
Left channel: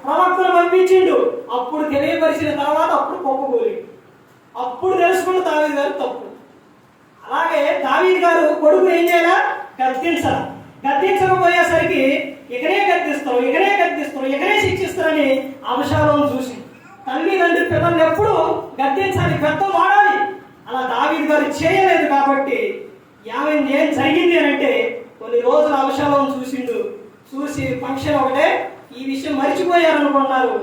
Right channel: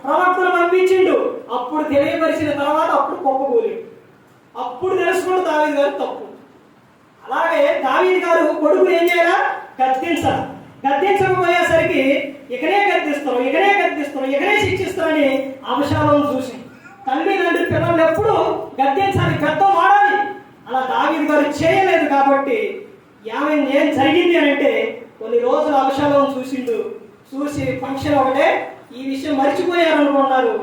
ప్రవక్తను పంపించిండు. అప్పుడు తెలియపరిచిన తర్వాత అప్పుడు పొప్పగూలిండు. అప్పుడు తెలుసుకుంటూ దావీదు గారు తప్పు. అలాగే దావీదు గారు కొడుకుని ఏం చేయాలా? గద్దించకపోయేసరికి ఇకనే గద్దిస్తారు, శిక్షిస్తారని అభిషాలం చూసి తండ్రి పిల్లల్ని ఎప్పుడు గద్దించాలి, గద్దం వాడాలి. అలా దావీదు గారు చేయలేదు కాబట్టి ఏం జరిగింది అంటే కొన్ని రోజులు అభిషాలం చూసి ఫంక్షన్ ఒకటే ఈ విషయం మర్చిపోయారు అనుకున్నారు.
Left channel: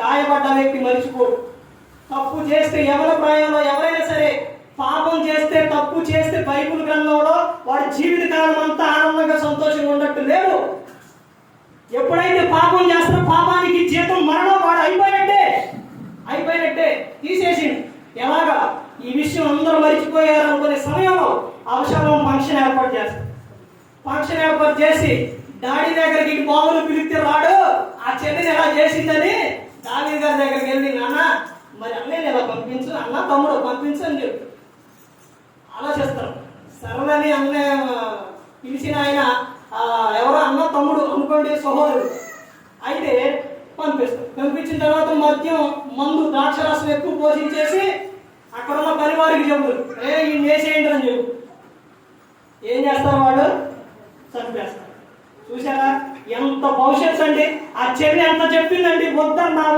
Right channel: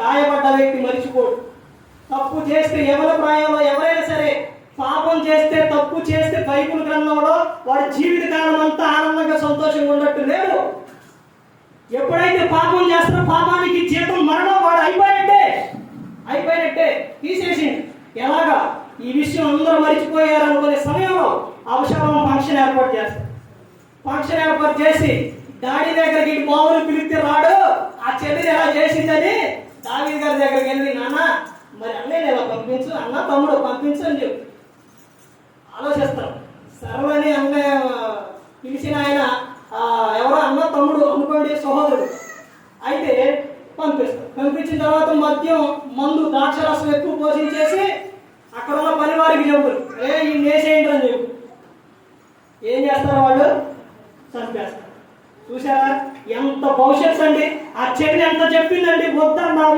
గాయపడ్డ వ్యక్తి మర్చిపోడు. తప్పు చేస్తే ఎవరి ప్రాయంలో ఎవరైనా సరే పాపం చేస్తే తప్పు చేస్తే బైబిల్ గ్రంథంలో వాడి జీవితకాలం అంతా ఆనందంగా సంతోషంగా ఉన్నట్టు లేదు. ఎప్పుడైతే పాపం చేస్తారో పాపానికి జీతం మరణం, వాడు అయిపోయినట్టే తీసేసింది. ఎలాగా ఈ విషయం అందరూ మర్చిపోయారు అనుకునే సమయంలో అభిషాలం ఫంక్షన్ ఏర్పాటు చేసి డాడీ దగ్గరికి బావులు పిలిస్తే రాడు, ఆ చెల్లిని ఎలా చేసిందని దావీదు గారి దగ్గరికి వెళ్ళి నాన్న మరి అన్నయ్య ఎలా పంపించు, అన్న తమ్ముడు పంపించు అని చెప్పి ఆలోచిస్తారు. సరళని అన్నయ్య పిలిచిన ఆయన ఎవరో అన్న తమ్ముడు అనుకోండి, సహోదరుడు అయితే పంపించిన తర్వాత మద్యం మందు ద్రాక్షరసం ఎక్కువ పోషించేసి అక్కడ ఉన్న పనివారికి చెబుతారు, ఈ వేసేయండి అని చెప్పు. ఏం చేస్తారు వాళ్ళు? చంపేస్తారు. చూసారా ఎంత భవిష్యత్తు అండి. ఆ చెల్లి ఎంత చెప్పిందండి, వద్దన్నా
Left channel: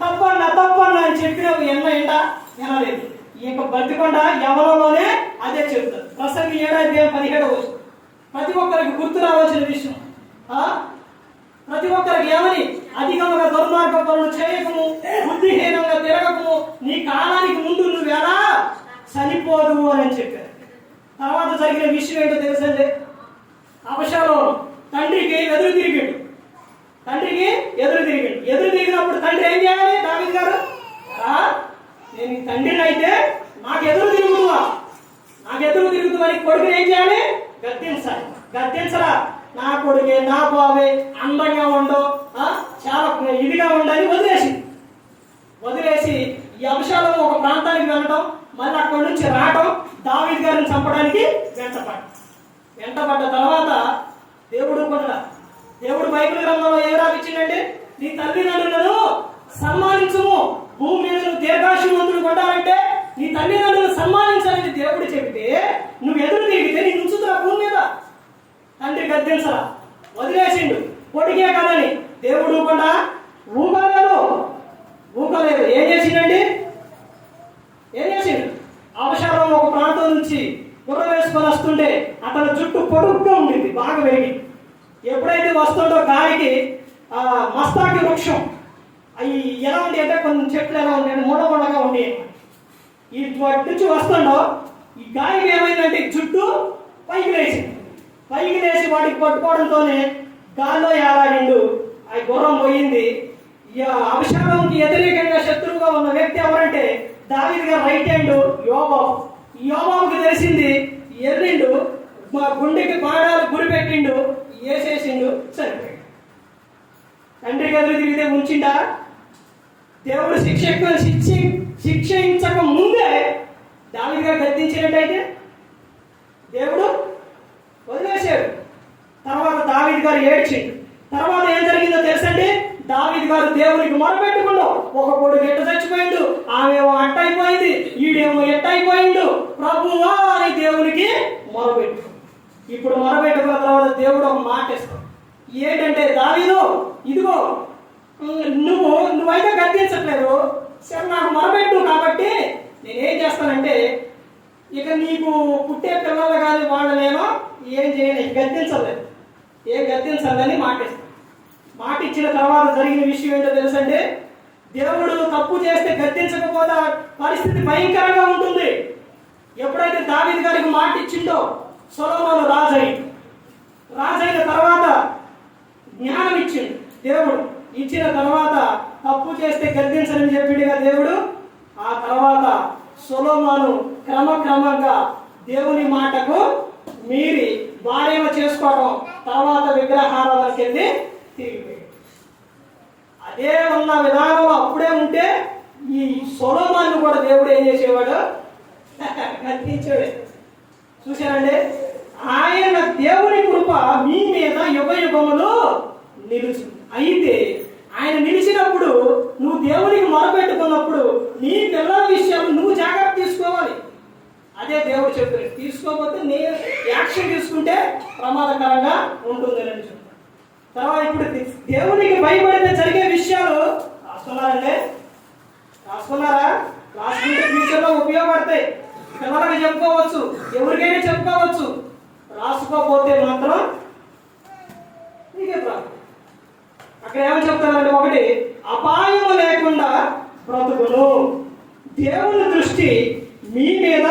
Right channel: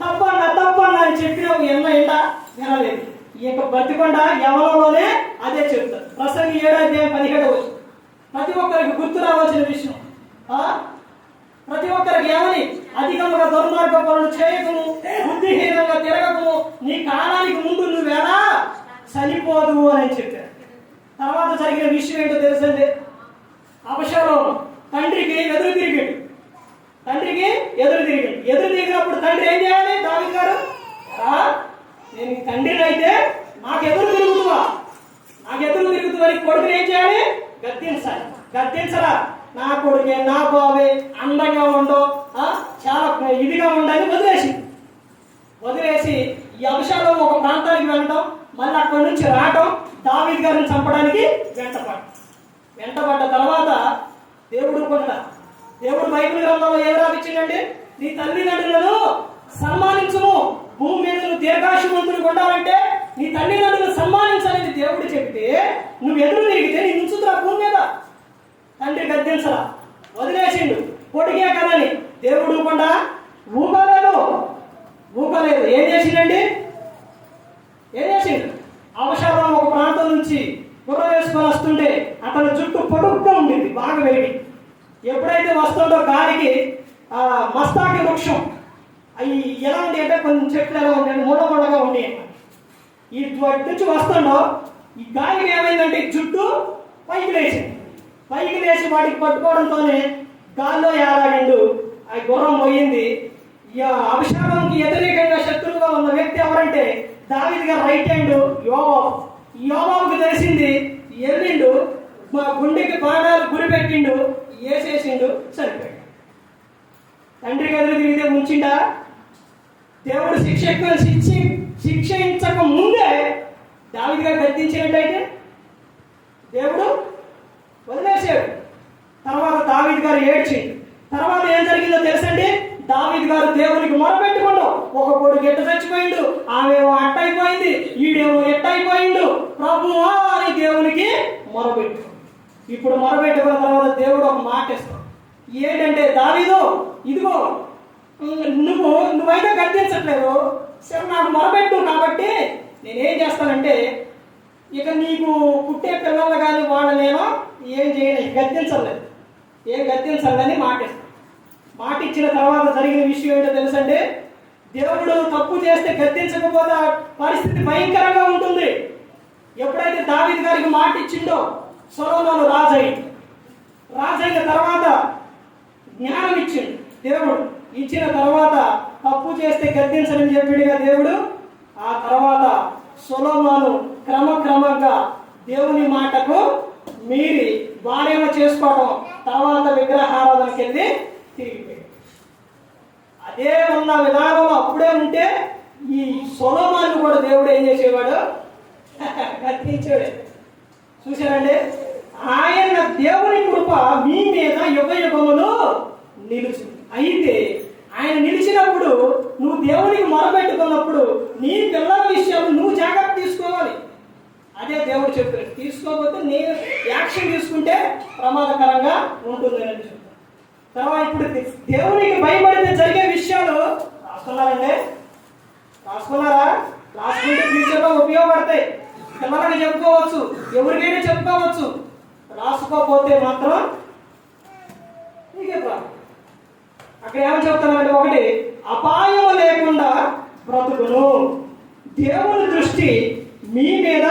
తప్పన్నా అని చెప్పిన ఎన్నైందా వినలేదు. ఇక బతికొండ యవనంలోనే అదే చెప్తారు. ప్రసంగి 7:17 ప్రతి ఒక్కరికి గుర్తు రావాల్సిన విషయం. ప్రతి ఒక్కరికి ఏమని? అధికంగా దుర్మార్గ పనులు చేయకము, బుద్ధిహీనంగా తిరగకము, నీ కాలానికి ముందు నువ్వు ఎలా చనిపోదు అని చెప్పారు. తర్వాత జరిగిన విషయం ఏంటో తెలుసండి. అభిషాలం తండ్రికి ఎదురు తిరిగాడు. ఎదురు తిరిగినప్పుడు తండ్రి ఏం చేయాలి? దావీదు గారు నేను తండ్రిని అయితే నాకు ఎదురు తిరుగుతుందని కొడుకుని ఏం చేయాలి? గద్దించరా నా కొడుకే నా బావే అందంగా ఉండో చాలా ఇదిగా ఉండని వదిలేసి ఈ అభిషాలం ఒక ప్రాంతానికి వెళ్ళడం, మళ్ళీ అక్కడి నుంచి రావడం, దావీదు గారిని చంపడానికి వెంటబడ్డ తర్వాత దేవుడు బైబిల్ గ్రంథంలో ఏం రాపించిందంటే, నీ తల్లిదండ్రులను సన్మానించుము, భూమి మీద నువ్వు దీర్ఘాయుష్మంతుడు ఉండాలంటే నీ తల్లిదండ్రులను సన్మానించాలని దేవుడు చెప్తే నువ్వు ఎదురు తిరిగితే నీ ఉంచుతున్నా భూమి మీద. తండ్రి గద్దించరా, వదిలేసిండు, కొడుకే కదని. దేవుడు ఊకలేదు. ఏం చేసిండు? అవసరం ఒక ప్రాంతం నుంచి గుర్ర వేసుకొని వస్తుంటే అతని జుట్టు పొడుగ్గా ఉండింది, బాగా పెరిగి. ఎప్పుడైతే వస్తుందో గాలికి మస్తాకి వృక్షం అవి ఎలా ఉండి అంటే కొన్ని చెట్లు ఎలా ఉండే మూడగా ఉండి ఈ నుంచి వస్తుండో ఈ గాలికి ఏమైందంటే జుట్టు పైకి లేచి వాడికి పట్టుకోవడంతోనే గాల్లో ఏలాడిండు. ఆ గుర్రం పోయింది. అభిషేకంకి వ్యతిరేకంగా శత్రువుగా ఉన్న వ్యక్తి ఎవరంటే దావీదు గారి రైట్ హ్యాండ్ యోబాబుకి తెలిసింది. ఎర్రిండు, గుండెకి బాణాలు గురి పెట్టిండు, వేసేసిండు, సరిపోయాడు. తండ్రికి ఎదురు తిరిగితే ముంచిండా? దేవుడు శిక్షించక ముందే దావీదు గారు గద్దించినట్టయితే దేవుడు వదిలేసాడు. తర్వాత దావీదు గారు ఏడ్చిండు. తర్వాత ఏం జరిగిందో తెలుసండి? దావీదు గారు దేవునికి మొరపెట్టుకుండు. ఒక కొడుకు ఎట్ట చచ్చిపోయిండు, ఆమెమో అట్ట అయిపోయింది, ఈడేమో ఎట్ట అయిపోయిండు. ప్రభువా అని దేవునికి మొరపెట్టు. ఇప్పుడు మొరపెట్టుకున్న తర్వాత దేవుడు ఒక మాట ఇస్తాడు. ఏంటంటే, దావీదు ఇదిగో నువ్వైతే గద్దించట్లేదు, సరే నాకు మొరపెట్టు, కాబట్టి నేనేం చేస్తానంటే ఇక నీకు పుట్టే పిల్లలు కానీ వాళ్ళ నేను ఏం చేయను, గద్దించలేదని మాట ఇస్తాను. మాట ఇచ్చిన తర్వాత జరిగిన విషయం ఏంటో తెలుసండి? దేవుడు తప్పు చేస్తే గద్దించకపోతే పరిస్థితి భయంకరంగా ఉంటుంది. ఎప్పుడైతే దావీదు గారికి మాట ఇచ్చిండో సొలొమోను రాజైన తర్వాత జ్ఞానం ఇచ్చిండు దేవుడు. ఇచ్చిన తర్వాత తప్పు చేస్తే గద్దించని చెప్పిండుగా దేవుడు. ఆ తర్వాత సొలొమోను క్రమంగా దేవుని మాటకు మీరి భార్యను చేసుకోవడం, తర్వాత విగ్రహారాధనకి వెళ్ళి తిరిగిపోయాడు. అదే ఉన్న విధానంలో అప్పుడే ఉంటే ఈ సొలొమోను కూడా దేవుడు ఏం చేసేవాడు? గద్దించాడు. చూశారండి? ఆయన దేవుని కృప మీ మీద యుగములు నిలుచుంది. అయితే ఆయన నిలిచినప్పుడు నువ్వు దేవునికి మొరపెట్టుకున్నప్పుడు నీ పిల్లల విషయాలు నువ్వు జాగ్రత్త తీసుకోవాలి. అదే దేవుడు చెప్పాడు. తీసుకోకపోతే నీ యాక్షన్ తీసుకుంటే ప్రమాదకరంగా ఉంటుంది అని చెప్తాను. తర్వాత ఇప్పుడు దేవునికి భయపడితే జరిగే విషయాలు రాసుకున్నారా? రాసుకుంటే ఫ్యూచర్లో ఉపయోగపడతాయి. పిల్లలకి చెప్పుకోవచ్చు, ఎవరికైనా చెప్పుకోవచ్చు. రాసుకోకపోతే మాత్రం నీకే ప్రాబ్లం. అక్కడ ఏమని చెప్తానంటే, ఒకటి, అపాయం లేకుండా బ్రతుకును, దేవుని దృష్టి మీ మీద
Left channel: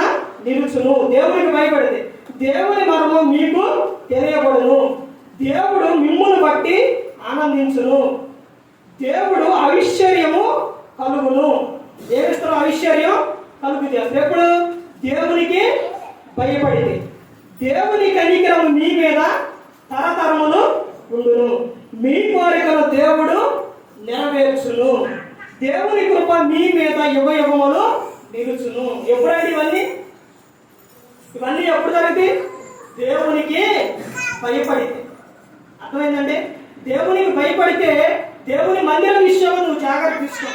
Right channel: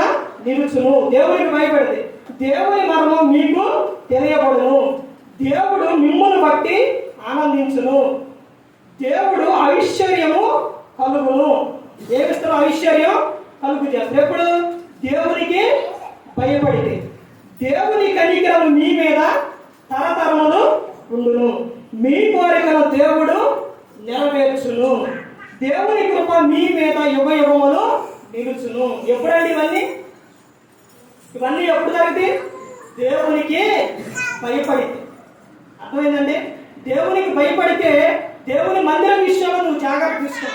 నిలుచును. దేవునికి భయపడితే దేవుని మర్మం మీకు తెలియబడును, దేవుడు మిమ్మును బట్టి ఆనందించును, దేవుడు ఐశ్వర్యము కలుగును. ఏమిస్తాడు? ఐశ్వర్యం కలుగు చేస్తాడు. ఎప్పుడు? దేవునికి భయపడితే. దేవుని కనికరము మీ మీద తరతరములు ఉండును, మీ కోరికలు దేవుడు నెరవేర్చును, దేవుని కృప మీ మీద యుగములు నిలుచును. ఎప్పుడండి ఇవన్నీ ఎప్పుడు జరుగుతాయి? దేవునికి భయపడితే. అర్థమైందండి? దేవునికి భయపడితే దేవుని మందిరం విషయంలో నువ్వు జాగ్రత్త తీసుకో.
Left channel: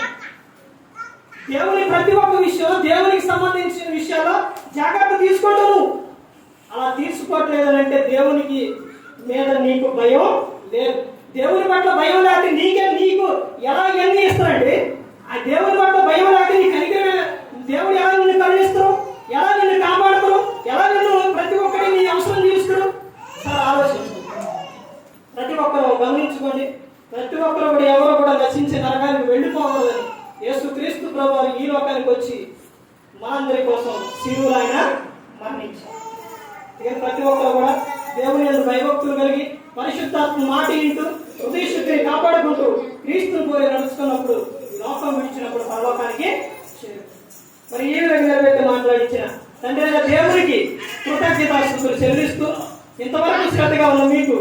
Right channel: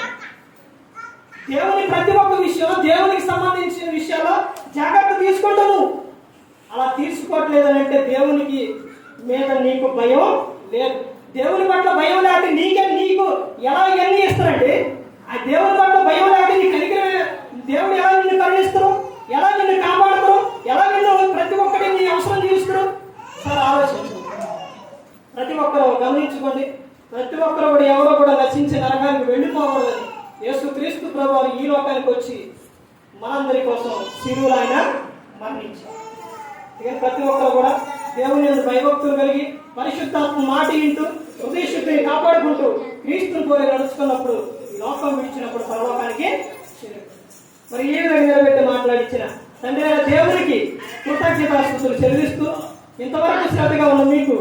దేవుని ప్రతి ఒక్క విషయం, దేవునికి సంబంధించిన విషయాల్లో జాగ్రత్త తీసుకుంటూ నువ్వు అలా తీసుకోవట్లేదనంటే దేవునికి మీద నీకు భయం లేదు. దేవుని పట్ల భయం లేకపోతే నీకు ఎలా ఎన్ని ఇస్తారంటే, ఆ దేవుని పట్ల భయం లేకపోతే నీ కనికరమే దేవుడు ఎలా నిన్ను కరుణిస్తారు, ఎలా నిన్ను కాపాడుతారు, ఎలా నిన్ను ప్రతి ఒక్కటి నీ అవసరం తీరుస్తారు. సార్ ఆలోచించు. ప్రతి ఒక్కరు గమనించుకోండి. ప్రతి ఒక్కరు కూడా ఎవరో కూడా నశించే నరకానికి వెళ్ళిపోకూడదని యేసుక్రీస్తు ప్రభువు ఈ లోకానికి వచ్చి మనందరి కోసం శిలువలో ఆయన మరణించారు. ఇక ప్రతి ఒక్కరు కూడా దేవుని యందు భయభక్తులు కలిగి పరిశుద్ధాత్మ మాట వింటూ హృదయ శుద్ధిని కాపాడుకుంటూ క్రీస్తుని కోరి నడుచుకున్నప్పుడు లోకం విడిచినప్పుడు పరలోకానికి మరి ఏ విధంగా నిలబెట్టి మాట్లాడించిన తండ్రి దేవునికి కృతజ్ఞతాస్తుతులు చెల్లిస్తూ ఇంతవరకు శ్రద్ధగా ఉన్న మీకు